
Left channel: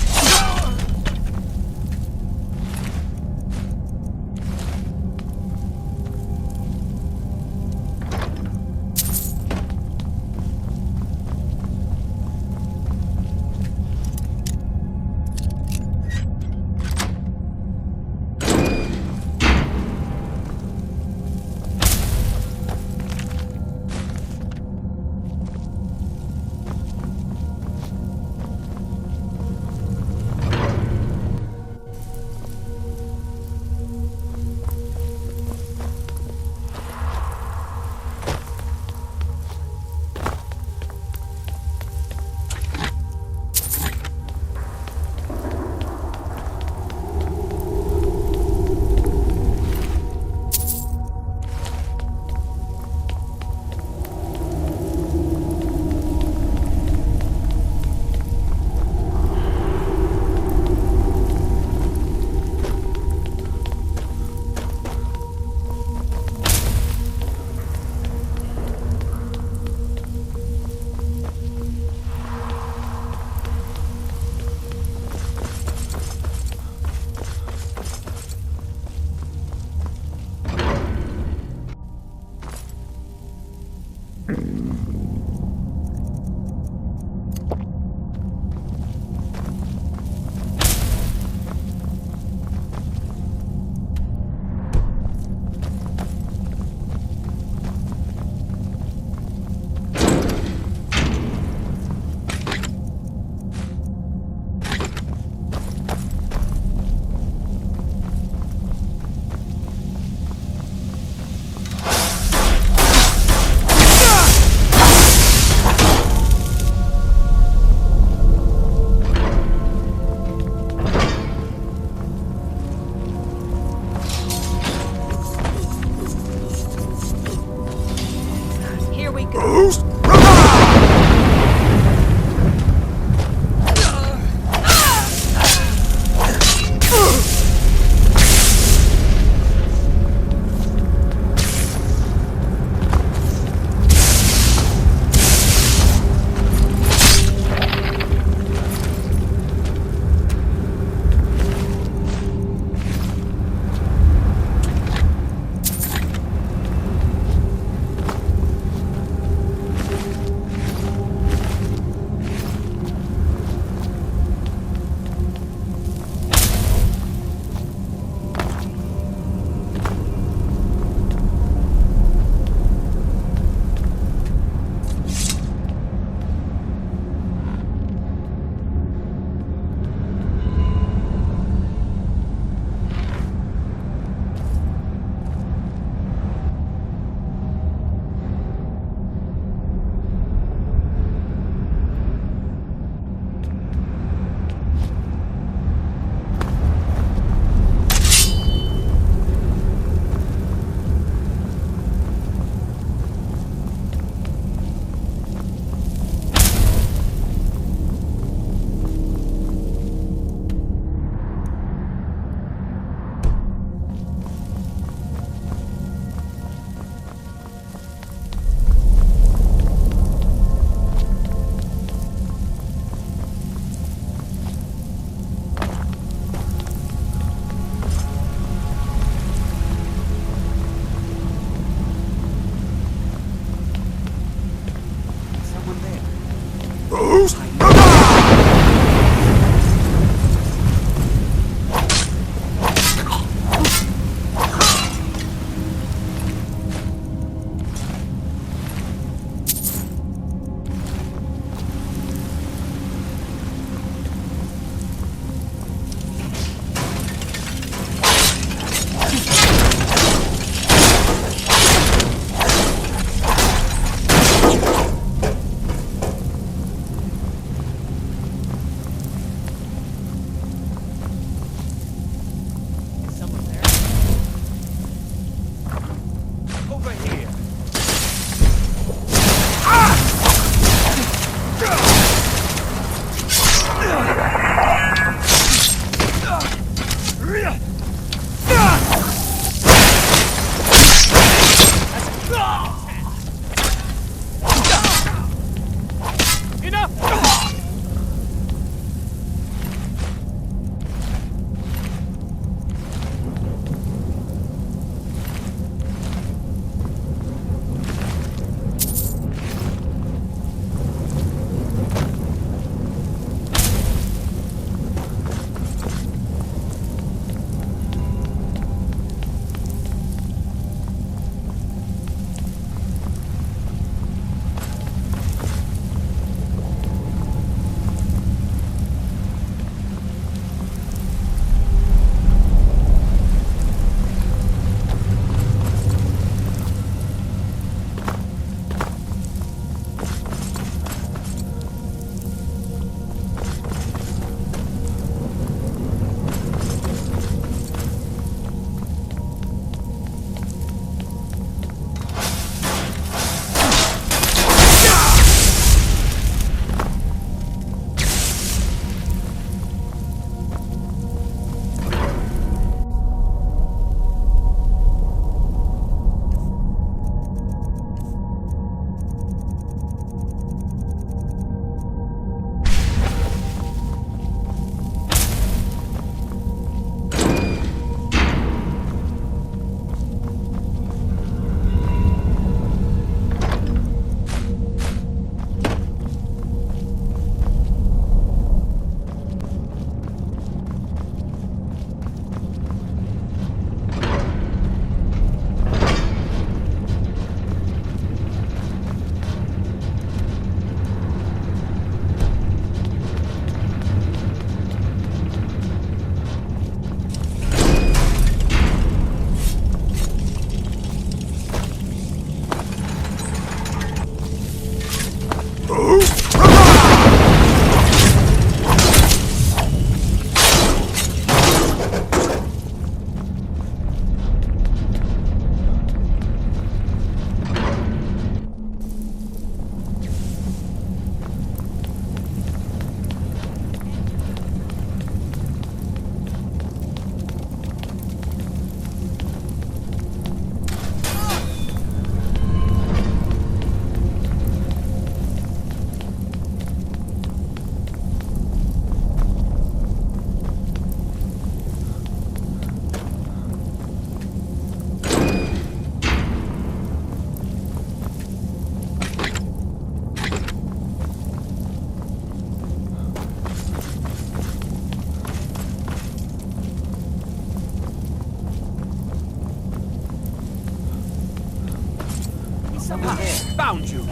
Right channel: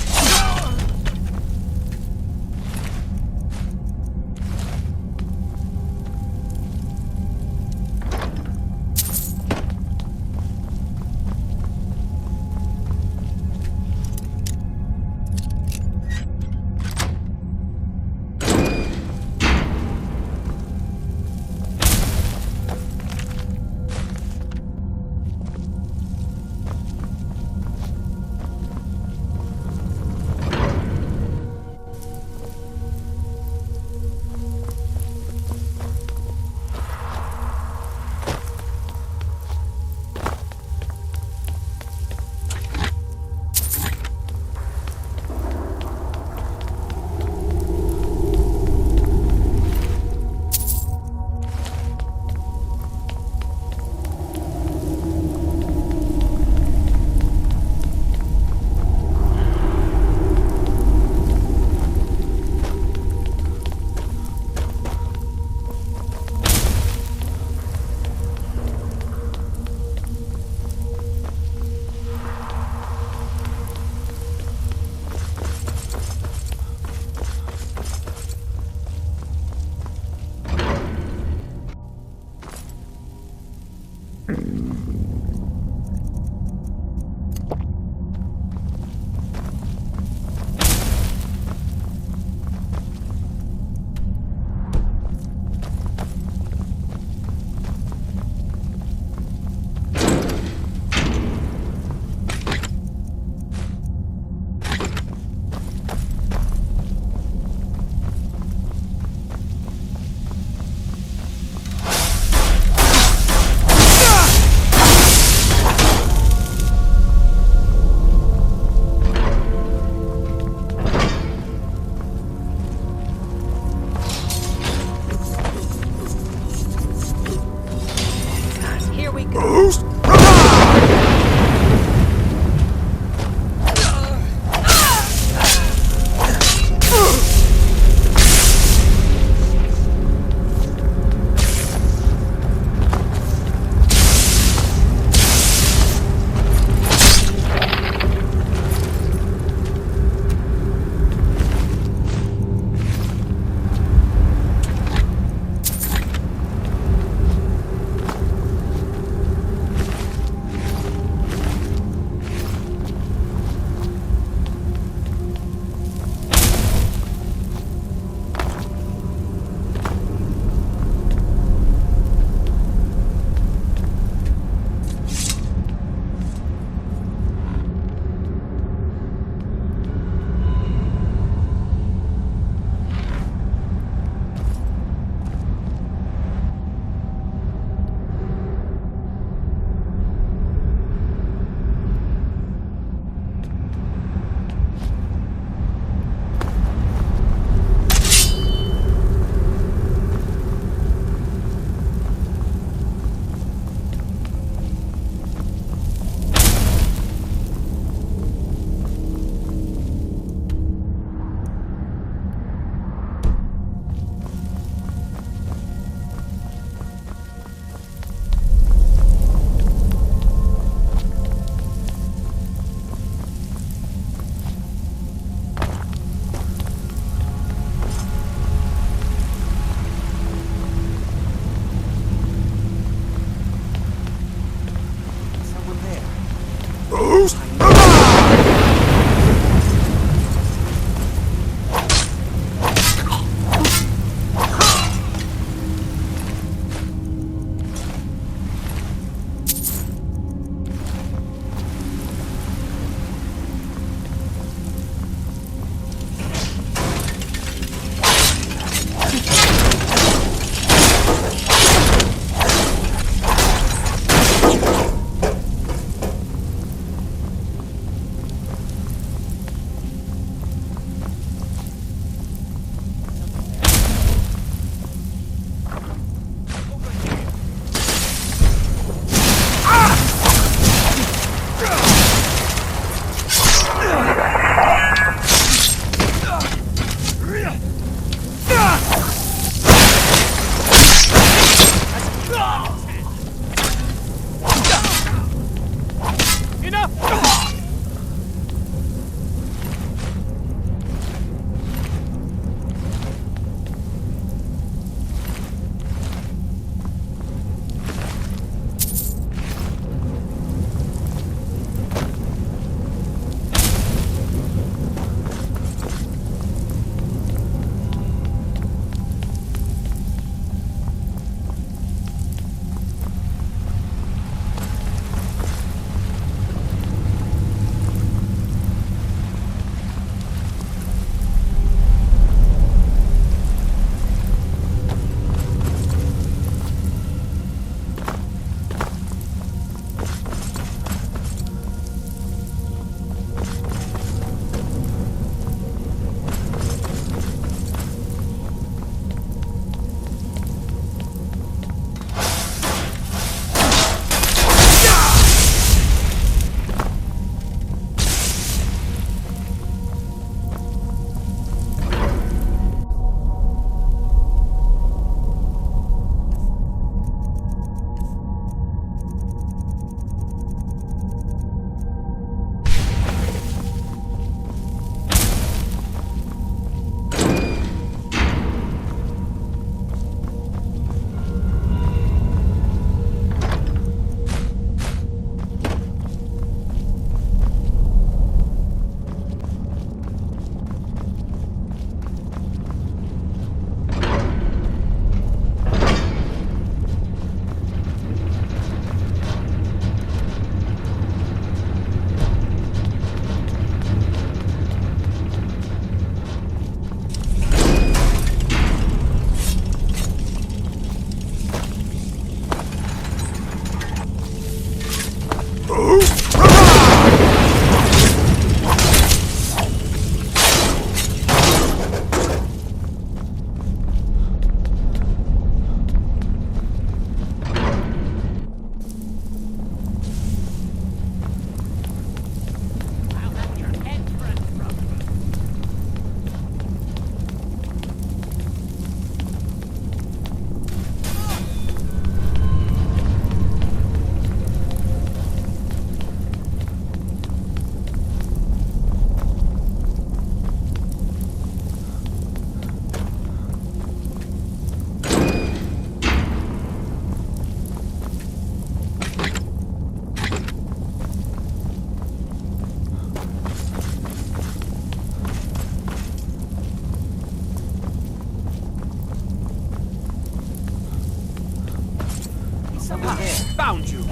Someone there. Found you.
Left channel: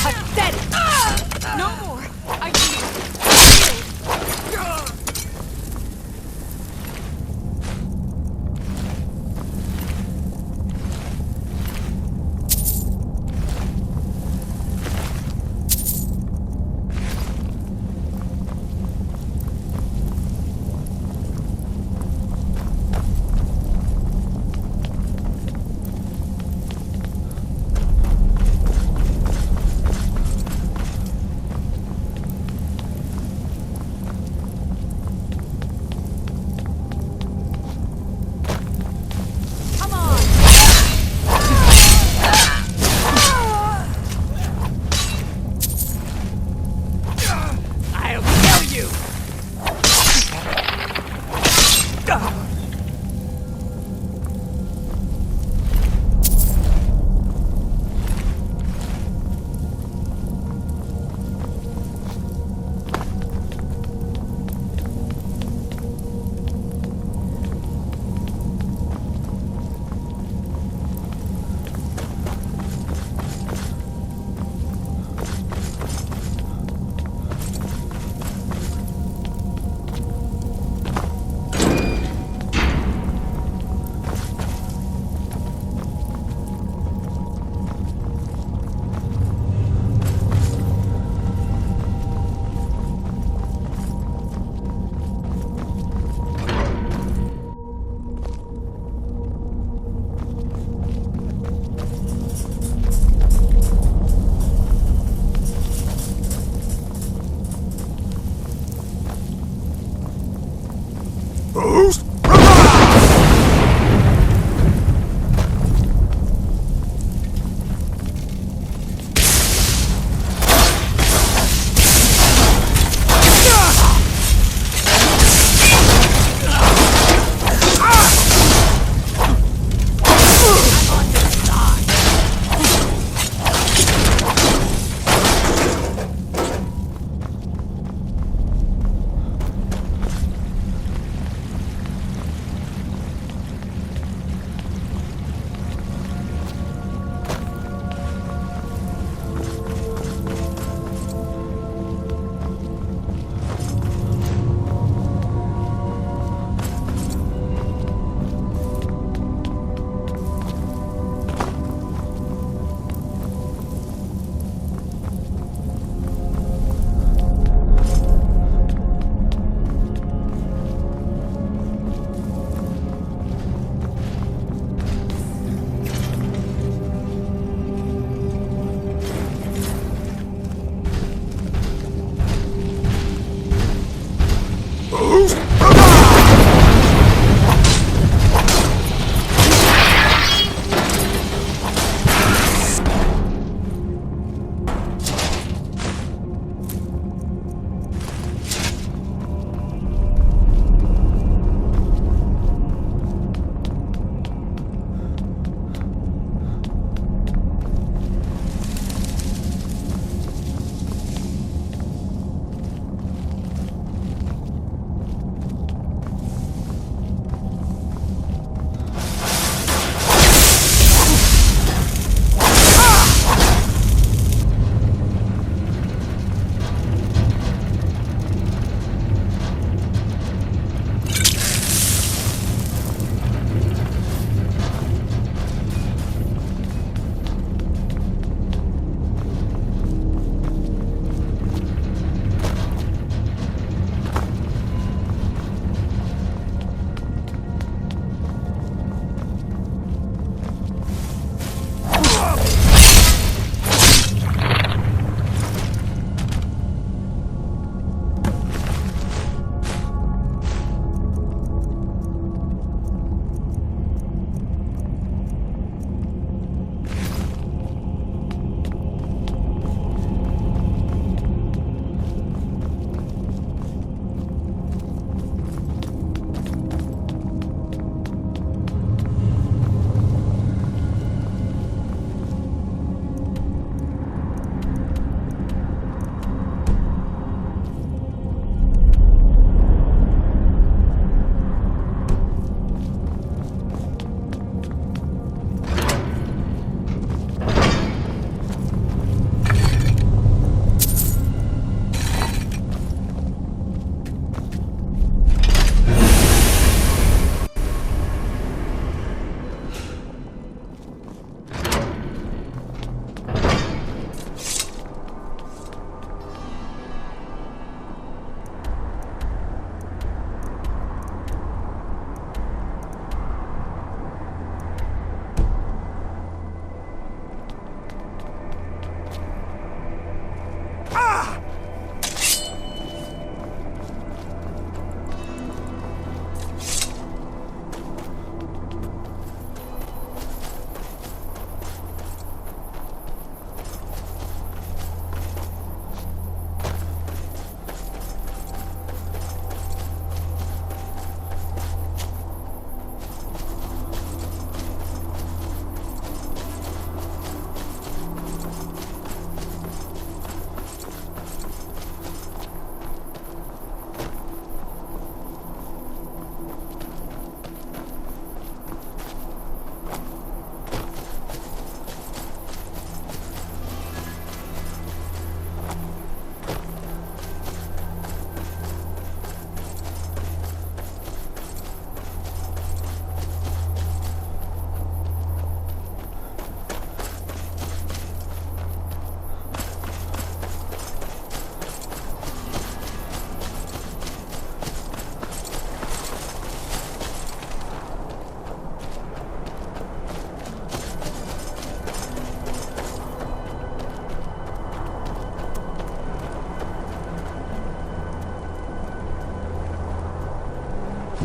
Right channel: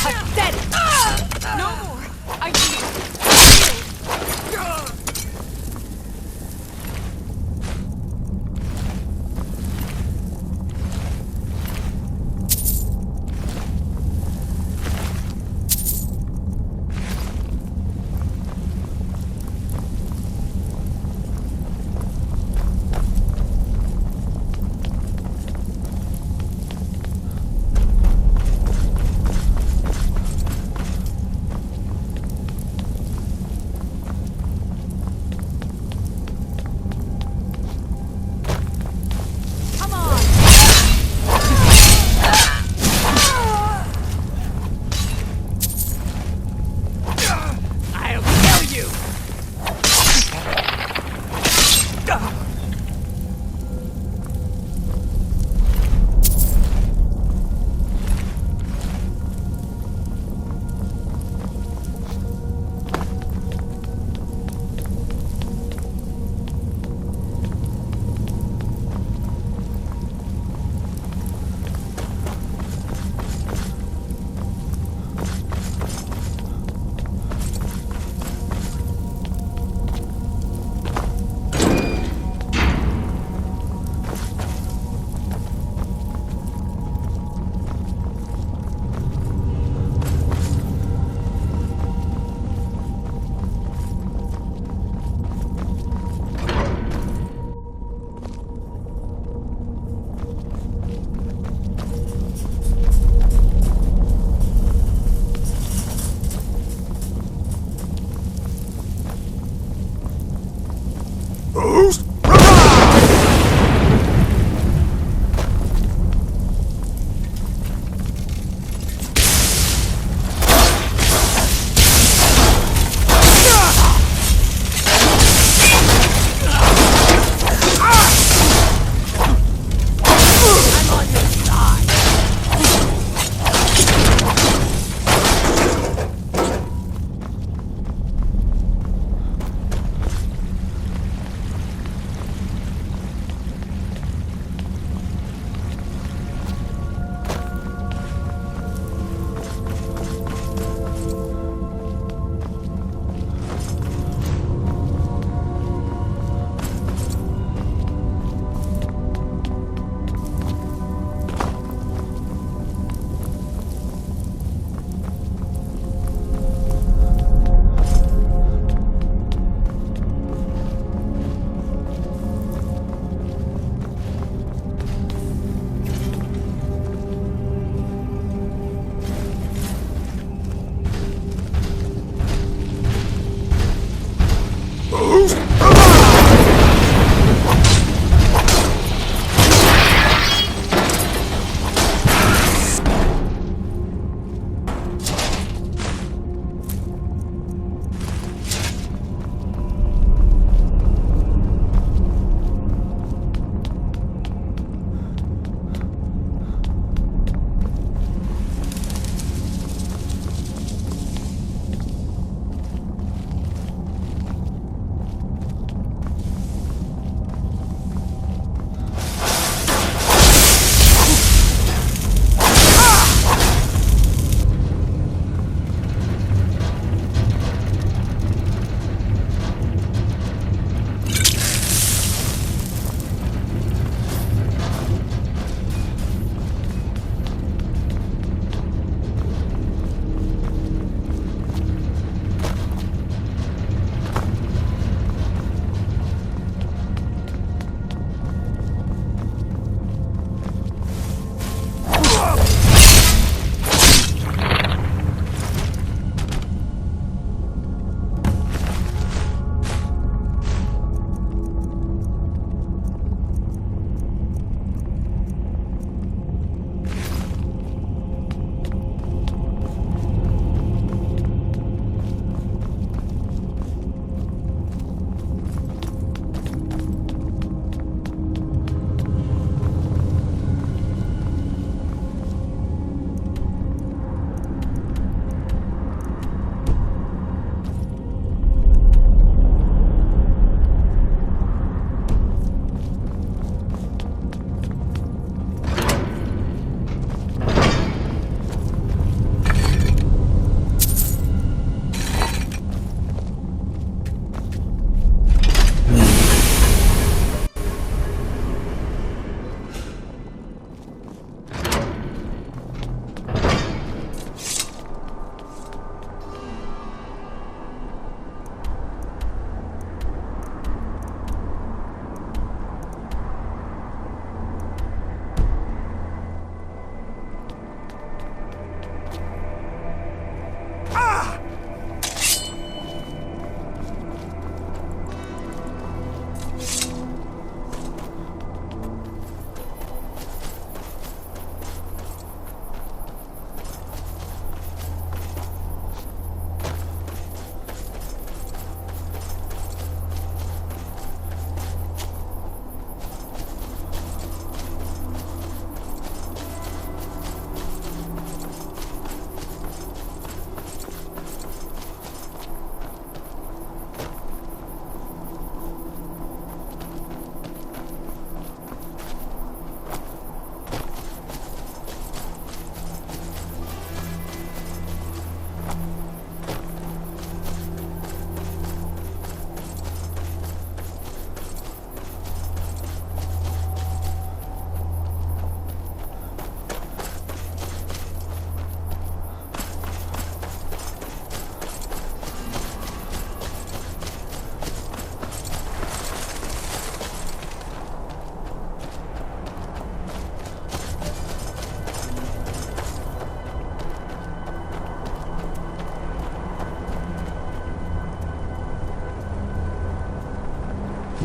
Pathetic! No more! I need it!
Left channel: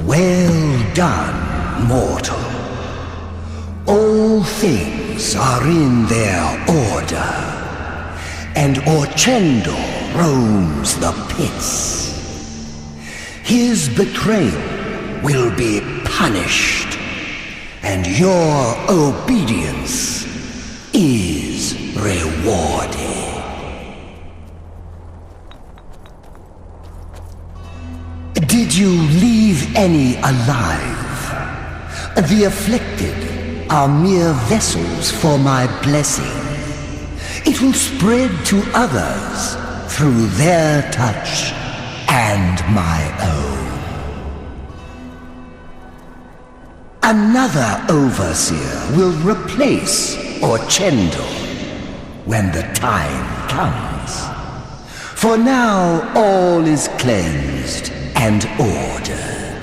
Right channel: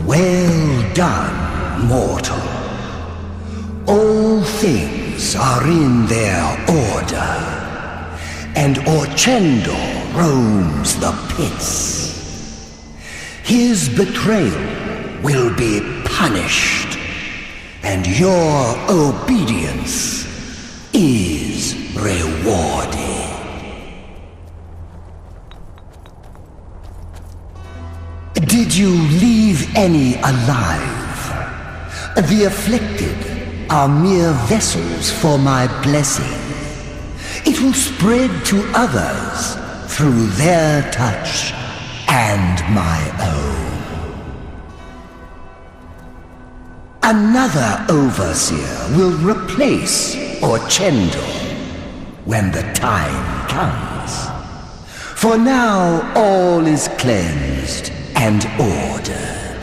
Well done, mortal. All things are in their order, and Orchendor roams the pits. His betrayal will be punished, and your obedience is rewarded. Did you leave any alive? The afflicted are mere vessels for my blessing. It will spread to others through their touch and my own. Another overseer will replace Orchendor when the time comes. For now, all is cleansed and ordered.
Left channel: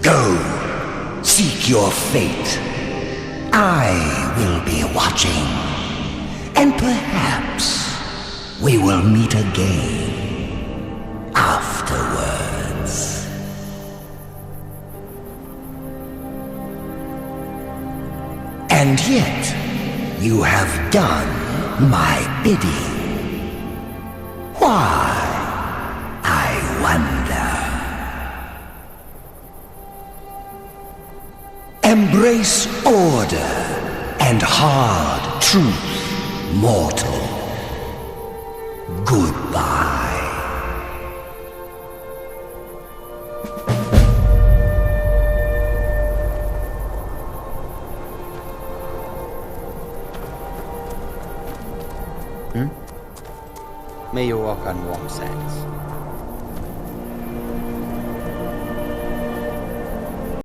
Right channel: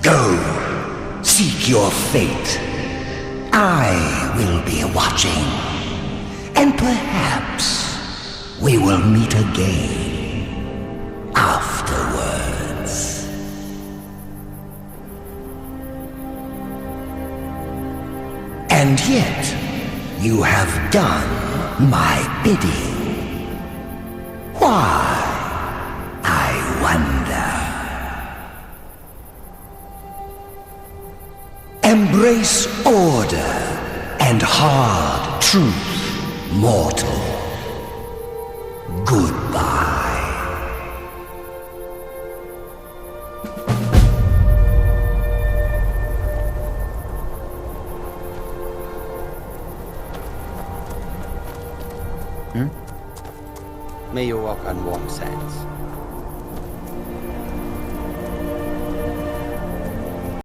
Go, seek your fate. I will be watching, and perhaps we will meet again afterwards. And yet, you have done my bidding. Why, I wonder. Embrace order and hard truth, mortal. Goodbye. May you walk on warm sands.